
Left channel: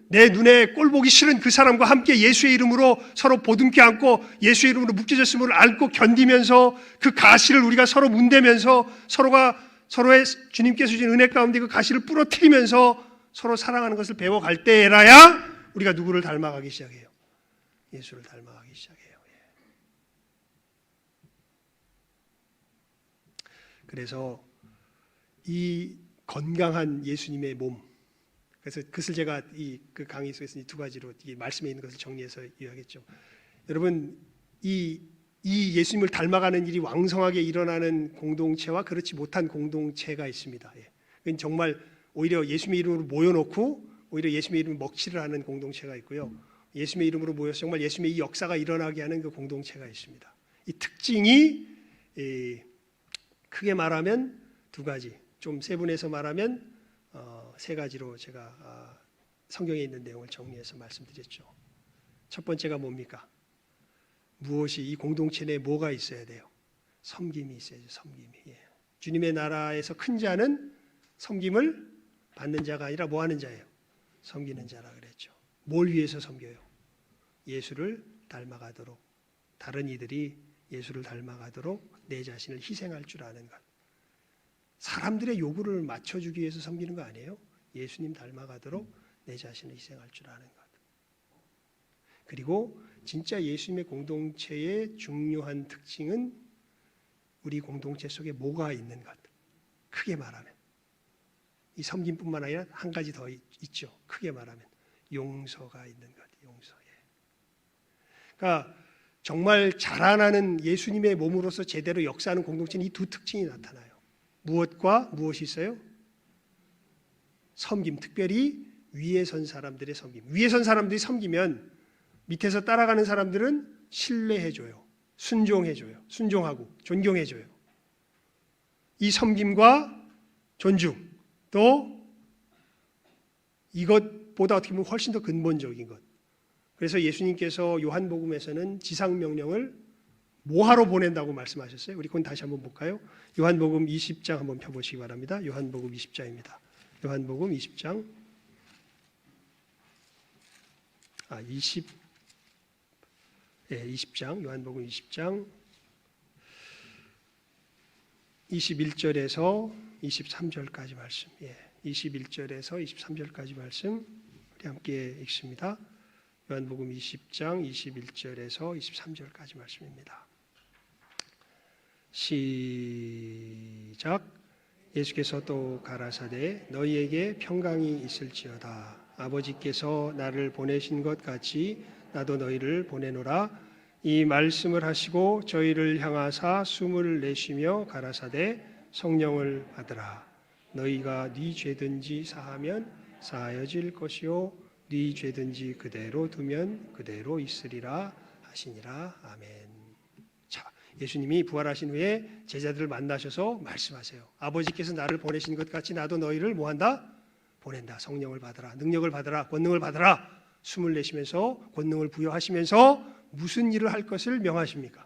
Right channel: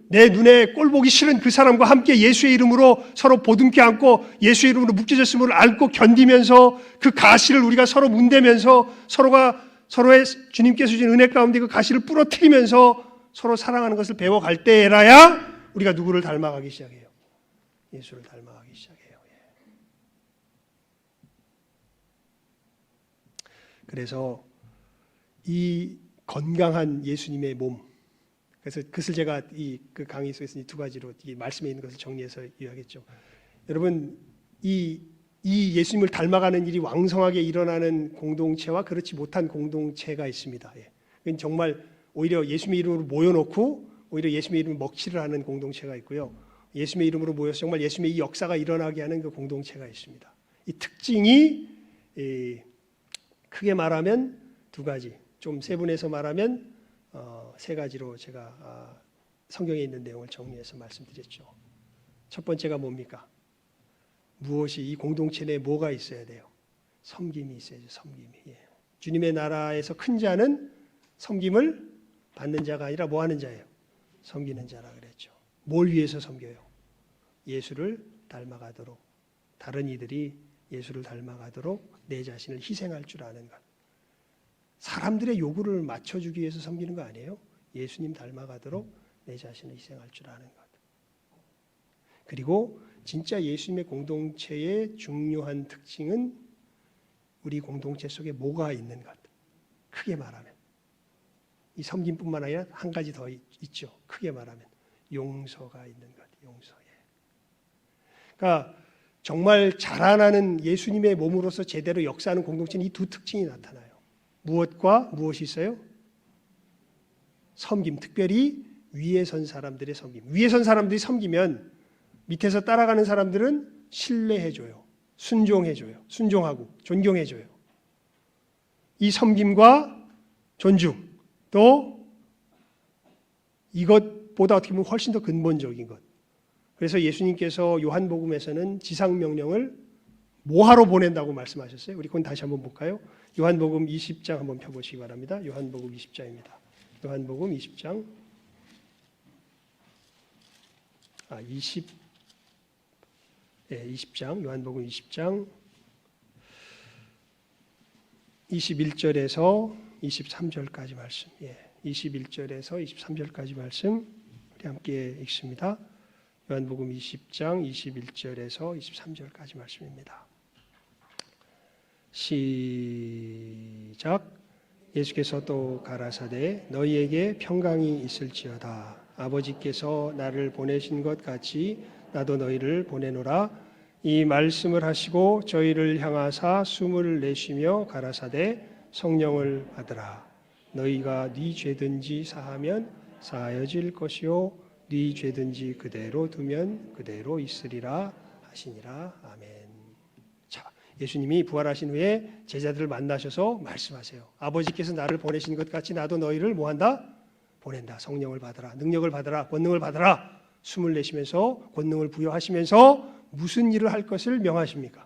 내 눈에 꼴 보기 싫은 그 사람과 함께 예수의 이름으로 서로 보듬게 안고 예수의 이름으로 묶여졌음을 알고 견디면서 그 가시를 우리가 서로 문대면서 서로의 주님께서 주신 은혜 가운데 그 가시를 부러뜨리면서 서로 사랑하는 것을 배워갈 때에라야 우리가 누구를 닮아가기 시작해요? 예수를 닮아가기 시작해요. 그래서 이 건강한 예수님의 몸, 그래서 그것을 제가 그 강의 속에서 이 두 가지로 이 말씀에 있는 것을 정리해서 이야기했죠. 여러분, 이 예수님을 닮아가는 일이 왕성하게 일어나는 공동체와 그렇지 못한 공동체가 있습니다. 그건 정말 오히려 예수님의 이름으로 모여놓고 오히려 예수님의 이름을 먹칠을 하는 공동체가 있고요. 예수님의 이름으로 모여서 정말 예수님의 이 역사가 일어나게 하는 그 공동체가 있습니다. 이 특징이 크게 말하면 두 가지, 좀 세분해서 말하면 세 가지로 제가 성경에 있는 내용을 정리해서 말씀드렸죠. 첫 번째가 뭡니까? 무엇이 이 공동체 내에 뭐가 있어야 돼요? 섬김이 있어야죠. 섬김이. 주님의 나라에서 큰 자는 섬김을 받는 자가 아니라 뭐 하는 자예요? 섬기는 자라 그랬죠. 뭘 위해서 섬겨요? 예수를 닮아가도록, 다른 이들이 예수를 닮아가도록 내 자신을 희생할 줄 아는 것. 사람들의 요구를 맞춰주기 위해서 섬기는 거 아니에요? 예수님 닮아가도록 내 자신을 희생할 줄 아는 것. 그리고 진짜 예수님의 공동체의 중요한 특징은 우리 공동체 속에 뭐가 있는 것. 크게 말하면 이 섬김뿐만 아니라 한 가지 더 있죠. 크게 말하면 용서가 있는 것. 용서. 그러니까 정말 자라나는 예수님의 몸으로서 제대로 역사하는 공동체는 이 두 특징이 나타나요. 무엇과 무엇이 있어요? 섬김, 특별히 위에 선 사람들의 섬김. 위에 선 사람들이 섬기면 밑에서 따라가는 사람들은 신뢰해줘요. 순종해줘요. 순종하고 존경해줘요. 이 섬김과 존중, 또 이것보다 어떻게 보면 훨씬 더 근본적인 것. 그래서 예수님께서 요한복음에서는 지상명령을 뭐하러 보낸다고 말씀하셨어요? 우리 그건 다시 한번 볼까요? 요한복음 20장 한번 펴보시기 바랍니다. 요한복음 20장입니다. 요한복음 20장 20장 요한복음 20장 21절에서 23절까지 말씀. 21절에서 23절까지 말씀 우리 함께 읽습니다. 요한복음 20장 21절에서 23절까지 말씀입니다. 시작. 예수께서 또 가라사대 너희에게 평강이 있을지어다. 아버지께서 나를 보내신 것 같이 나도 너희를 보내노라. 이 말씀을 하시고 저희를 향하사 숨을 내쉬며 가라사대 성령을 받으라. 너희가 네 죄든지 사하면 사하여질 것이요 네 죄든지 그대로 두면 그대로 있으리라 하시니라. 아멘. 자, 예수님이 부활하신 후에 제자들을 만나셔서 말씀하세요. 아버지께서 나를 보내신 것 같이 나도 너희를 뭐한다? 보낸다. 성령을 받으라. 능력을 받으라. 권능을 받으라. 숨을 내쉬면서 권능을 부여하시면서 무슨 일을 할 것을 명하십니까?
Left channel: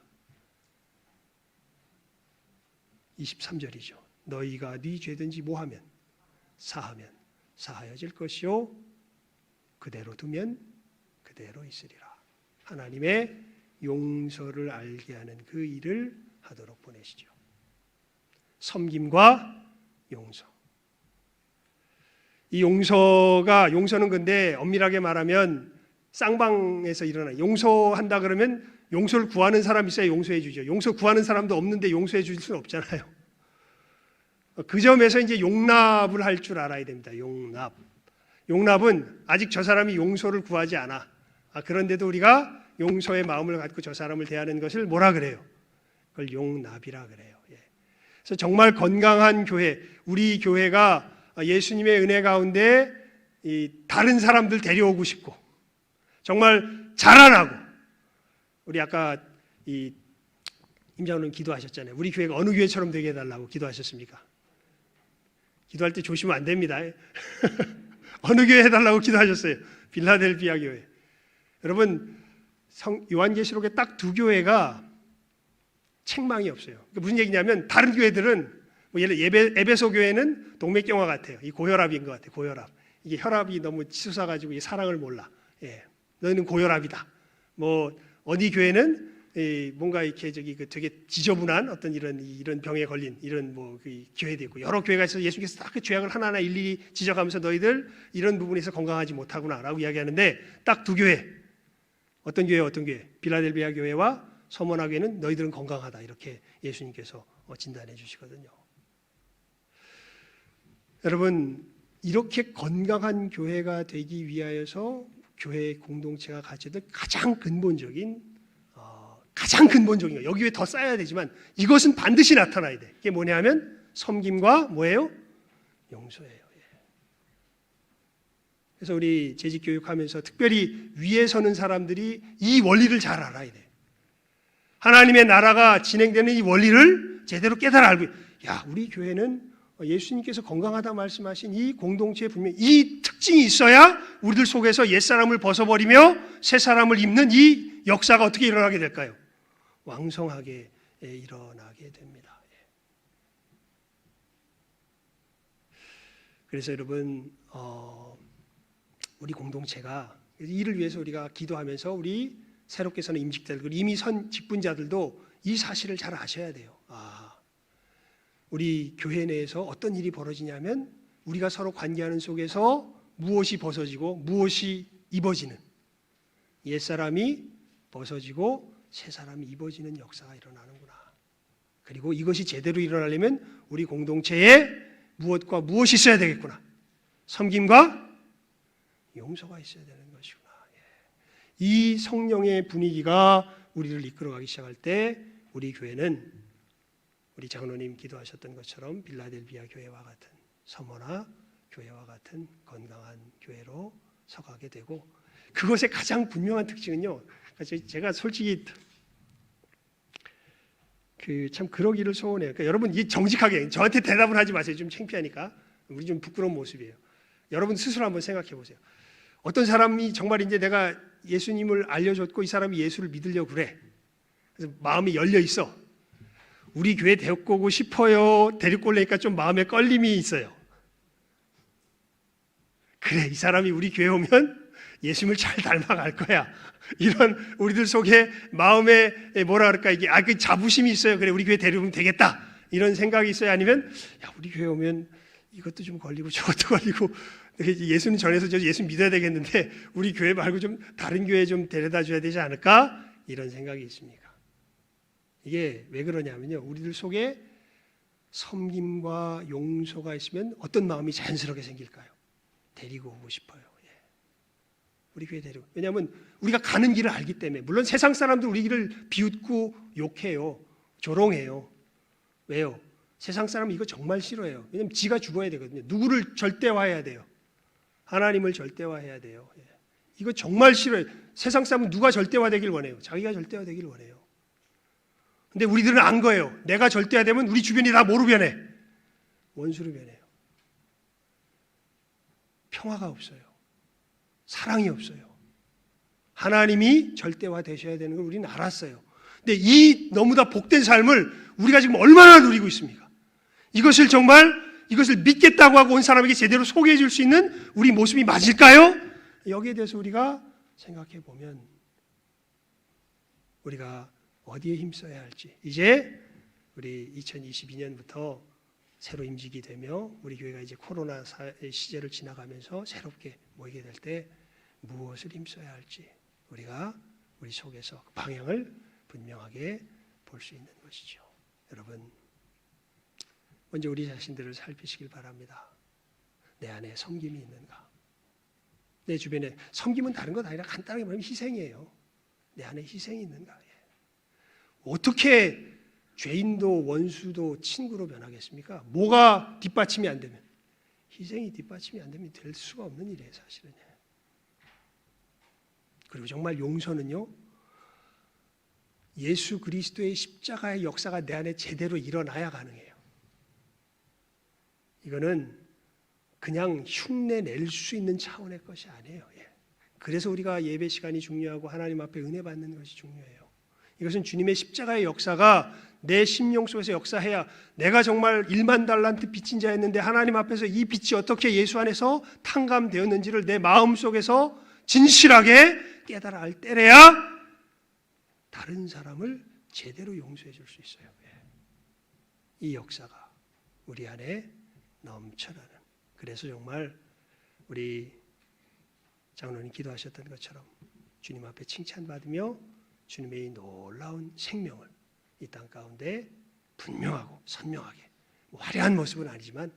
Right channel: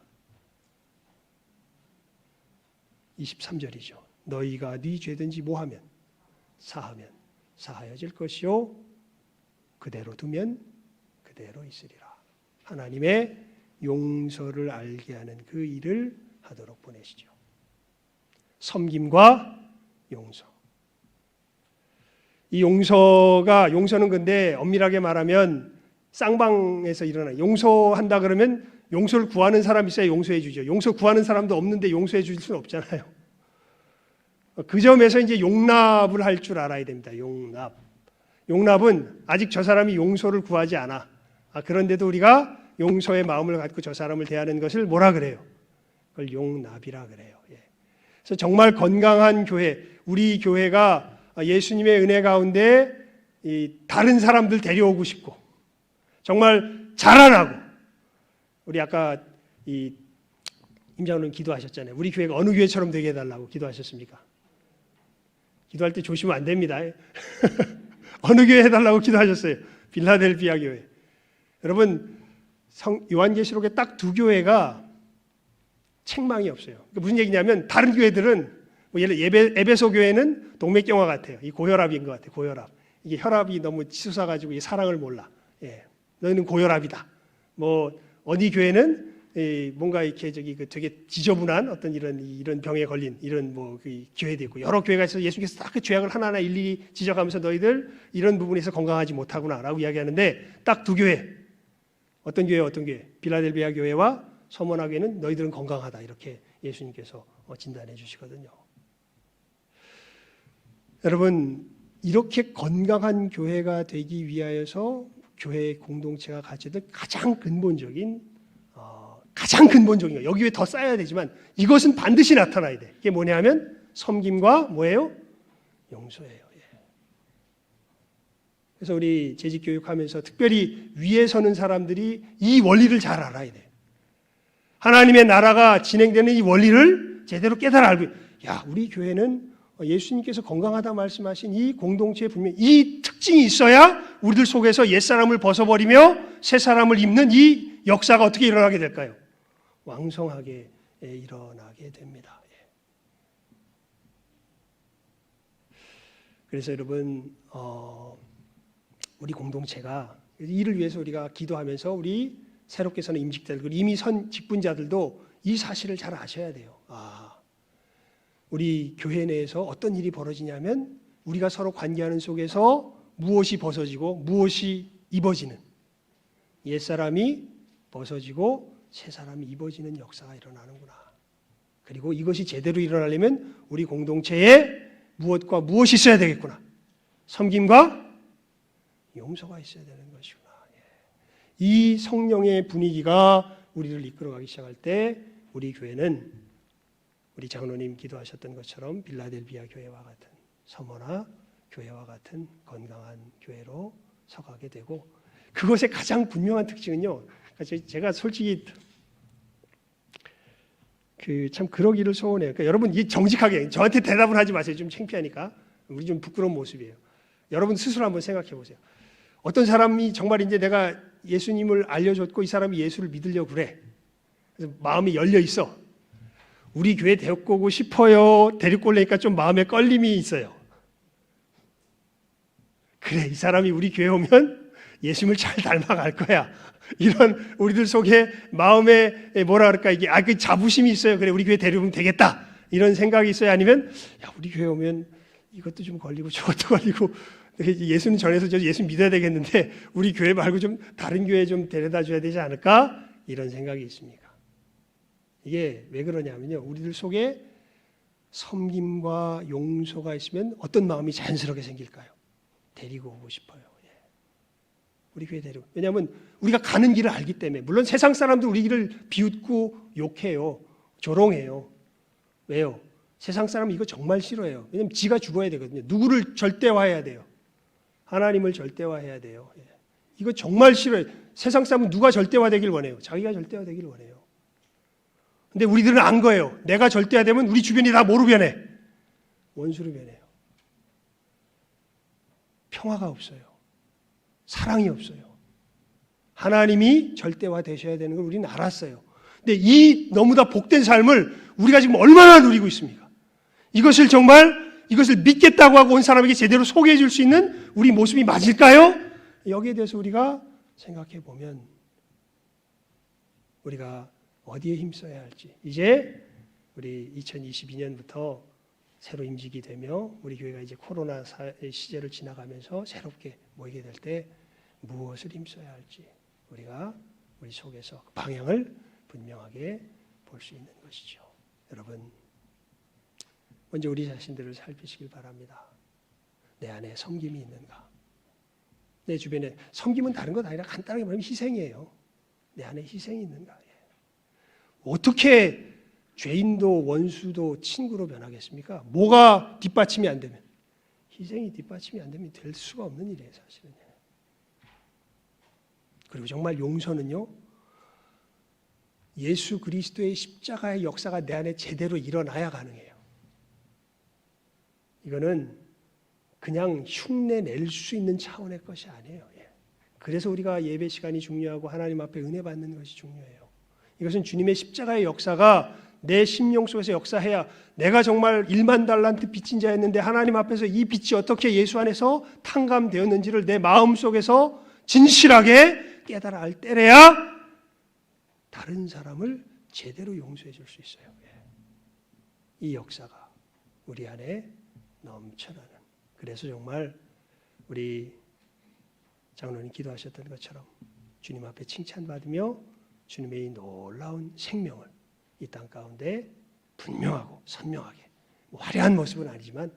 23절이죠. 너희가 네 죄든지 뭐하면 사하면 사하여질 것이요 그대로 두면 그대로 있으리라. 하나님의 용서를 알게 하는 그 일을 하도록 보내시죠. 섬김과 용서. 이 용서는 근데 엄밀하게 말하면 쌍방에서 일어나. 용서한다 그러면 용서를 구하는 사람이 있어야 용서해 주죠. 용서 구하는 사람도 없는데 용서해 줄 수는 없잖아요. 그 점에서 이제 용납을 할 줄 알아야 됩니다. 용납은 아직 저 사람이 용서를 구하지 않아. 그런데도 우리가 용서의 마음을 갖고 저 사람을 대하는 것을 뭐라 그래요? 그걸 용납이라 그래요. 그래서 정말 건강한 교회, 우리 교회가 예수님의 은혜 가운데 다른 사람들 데려오고 싶고 정말 자라나고, 우리 아까 임장로님 기도하셨잖아요. 우리 교회가 어느 교회처럼 되게 해달라고 기도하셨습니까? 기도할 때 조심하면 안 됩니다. 어느 교회 해달라고 기도하셨어요? 빌라델피아 교회. 여러분, 요한계시록에 딱 두 교회가 책망이 없어요. 그러니까 무슨 얘기냐면 다른 교회들은 예를 에베소 교회는 동맥경화 같아요. 이 고혈압인 것 같아요. 고혈압. 이게 혈압이 너무 치솟아가지고 사랑을 몰라. 너희는 고혈압이다. 뭐 어디 교회는 뭔가 이렇게 되게 지저분한 어떤 이런 병에 걸린 이런 교회도 있고, 여러 교회가 있어서 예수께서 딱 그 죄악을 하나하나 일일이 지적하면서 너희들 이런 부분에서 건강하지 못하구나라고 이야기하는데 딱 두 교회. 어떤 교회? 빌라델비아 교회와 서머나 교회는 너희들은 건강하다 이렇게 예수님께서 진단해 주시거든요. 여러분, 이렇게 건강한 교회가 되기 위하여서 교회 공동체가 가져야 될 가장 근본적인 거, 여기 왜 더 쌓여야 되지만 이것은 반드시 나타나야 돼. 이게 뭐냐면 섬김과 뭐예요? 용서예요. 그래서 우리 재직 교육하면서 특별히 위에 서는 사람들이 이 원리를 잘 알아야 돼. 하나님의 나라가 진행되는 이 원리를 제대로 깨달아 알고, 야, 우리 교회는 예수님께서 건강하다 말씀하신 이 공동체에 분명히 이 특징이 있어야 우리들 속에서 옛사람을 벗어버리며 새사람을 입는 이 역사가 어떻게 일어나게 될까요? 왕성하게 일어나게 됩니다. 그래서 여러분, 우리 공동체가 이를 위해서 우리가 기도하면서 우리 새롭게 서는 임직자들, 이미 선 직분자들도 이 사실을 잘 아셔야 돼요. 우리 교회 내에서 어떤 일이 벌어지냐면 우리가 서로 관계하는 속에서 무엇이 벗어지고 무엇이 입어지는, 옛사람이 벗어지고 새사람이 입어지는 역사가 일어나는구나. 그리고 이것이 제대로 일어나려면 우리 공동체에 무엇과 무엇이 있어야 되겠구나. 섬김과 용서가 있어야 되는 것이구나. 이 성령의 분위기가 우리를 이끌어가기 시작할 때 우리 교회는 우리 장로님 기도하셨던 것처럼 빌라델비아 교회와 같은, 서머나 교회와 같은 건강한 교회로 서가게 되고, 그것의 가장 분명한 특징은요, 제가 솔직히 참 그러기를 소원해요. 그러니까 여러분, 이 정직하게 저한테 대답을 하지 마세요. 좀 창피하니까. 우리 좀 부끄러운 모습이에요. 여러분 스스로 한번 생각해 보세요. 어떤 사람이 정말 이제 내가 예수님을 알려줬고 이 사람이 예수를 믿으려고 그래. 그래서 마음이 열려 있어. 우리 교회 데리고 오고 싶어요. 데리고 오려니까 좀 마음에 끌림이 있어요. 그래, 이 사람이 우리 교회 오면 예수님을 잘 닮아갈 거야. 이런 우리들 속에 마음에 뭐라 그럴까, 이게 그 자부심이 있어요. 그래, 우리 교회 데려오면 되겠다. 이런 생각이 있어요. 아니면 야, 우리 교회 오면 이것도 좀 걸리고 저것도 걸리고, 예수님 전해서 저 예수 믿어야 되겠는데 우리 교회 말고 좀 다른 교회 좀 데려다 줘야 되지 않을까? 이런 생각이 있습니까? 이게 왜 그러냐면요, 우리들 속에 섬김과 용서가 있으면 어떤 마음이 자연스럽게 생길까요? 데리고 오고 싶어요. 우리 교회 데리고. 왜냐하면 우리가 가는 길을 알기 때문에. 물론 세상 사람도 우리 길을 비웃고 욕해요. 조롱해요. 왜요? 세상 사람은 이거 정말 싫어해요. 왜냐하면 지가 죽어야 되거든요. 누구를 절대화해야 돼요? 하나님을 절대화해야 돼요. 이거 정말 싫어요. 세상 사람은 누가 절대화되길 원해요? 자기가 절대화되길 원해요. 근데 우리들은 안 거예요. 내가 절대화되면 우리 주변이 다 뭐로 변해? 원수로 변해요. 평화가 없어요. 사랑이 없어요. 하나님이 절대화 되셔야 되는 걸 우리는 알았어요. 근데 이 너무나 복된 삶을 우리가 지금 얼마나 누리고 있습니까? 이것을 믿겠다고 하고 온 사람에게 제대로 소개해 줄 수 있는 우리 모습이 맞을까요? 여기에 대해서 우리가 생각해 보면 우리가 어디에 힘써야 할지, 이제 우리 2022년부터 새로 임직이 되며 우리 교회가 이제 코로나 시절을 지나가면서 새롭게 모이게 될 때 무엇을 힘써야 할지 우리가 우리 속에서 방향을 분명하게 볼 수 있는 것이죠. 여러분, 먼저 우리 자신들을 살피시길 바랍니다. 내 안에 섬김이 있는가? 내 주변에 섬김은 다른 것 아니라 간단하게 말하면 희생이에요. 내 안에 희생이 있는가? 어떻게 죄인도 원수도 친구로 변하겠습니까? 뭐가 뒷받침이 안 되면, 희생이 뒷받침이 안 되면 될 수가 없는 일이에요, 사실은. 그리고 정말 용서는요, 예수 그리스도의 십자가의 역사가 내 안에 제대로 일어나야 가능해요. 이거는 그냥 흉내 낼 수 있는 차원의 것이 아니에요. 그래서 우리가 예배 시간이 중요하고 하나님 앞에 은혜 받는 것이 중요해요. 이것은 주님의 십자가의 역사가 내 심령 속에서 역사해야, 내가 정말 1만 달란트 빚진 자였는데 하나님 앞에서 이 빚이 어떻게 예수 안에서 탕감되었는지를 내 마음 속에서 진실하게 깨달아 알 때래야 다른 사람을 제대로 용서해 줄 수 있어요. 이 역사가 우리 안에 넘쳐나는. 그래서 정말 우리 장로님 기도하셨던 것처럼 주님 앞에 칭찬받으며 주님의 이 놀라운 생명을 이 땅 가운데 분명하고 선명하게, 화려한 모습은 아니지만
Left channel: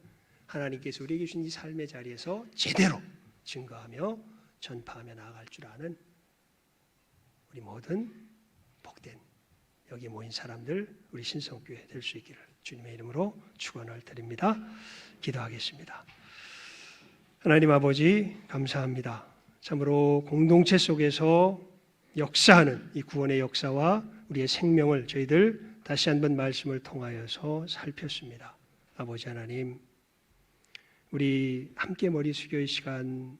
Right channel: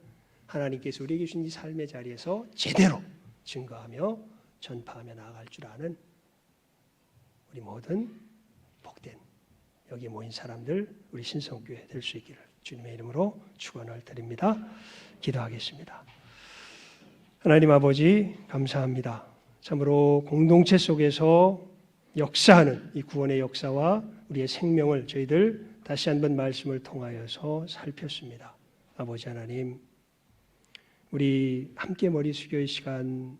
하나님께서 우리에게 주신 이 삶의 자리에서 제대로 증거하며 전파하며 나아갈 줄 아는 우리 모든 복된 여기 모인 사람들 우리 신성교회 될 수 있기를 주님의 이름으로 축원을 드립니다. 기도하겠습니다. 하나님 아버지 감사합니다. 참으로 공동체 속에서 역사하는 이 구원의 역사와 우리의 생명을 저희들 다시 한번 말씀을 통하여서 살폈습니다. 아버지 하나님, 우리 함께 머리 숙여 이 시간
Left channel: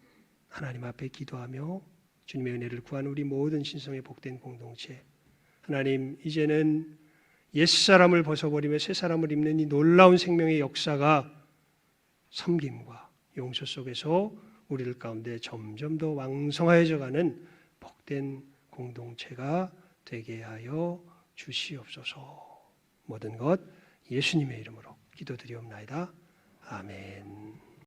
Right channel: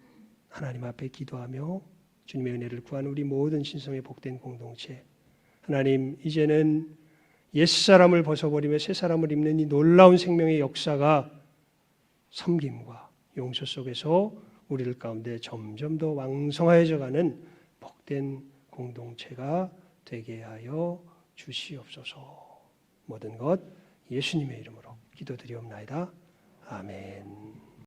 하나님 앞에 기도하며 주님의 은혜를 구하는 우리 모든 신성의 복된 공동체, 하나님 이제는 옛사람을 벗어버리며 새사람을 입는 이 놀라운 생명의 역사가 섬김과 용서 속에서 우리들 가운데 점점 더 왕성해져가는 복된 공동체가 되게 하여 주시옵소서. 모든 것 예수님의 이름으로 기도드리옵나이다. 아멘.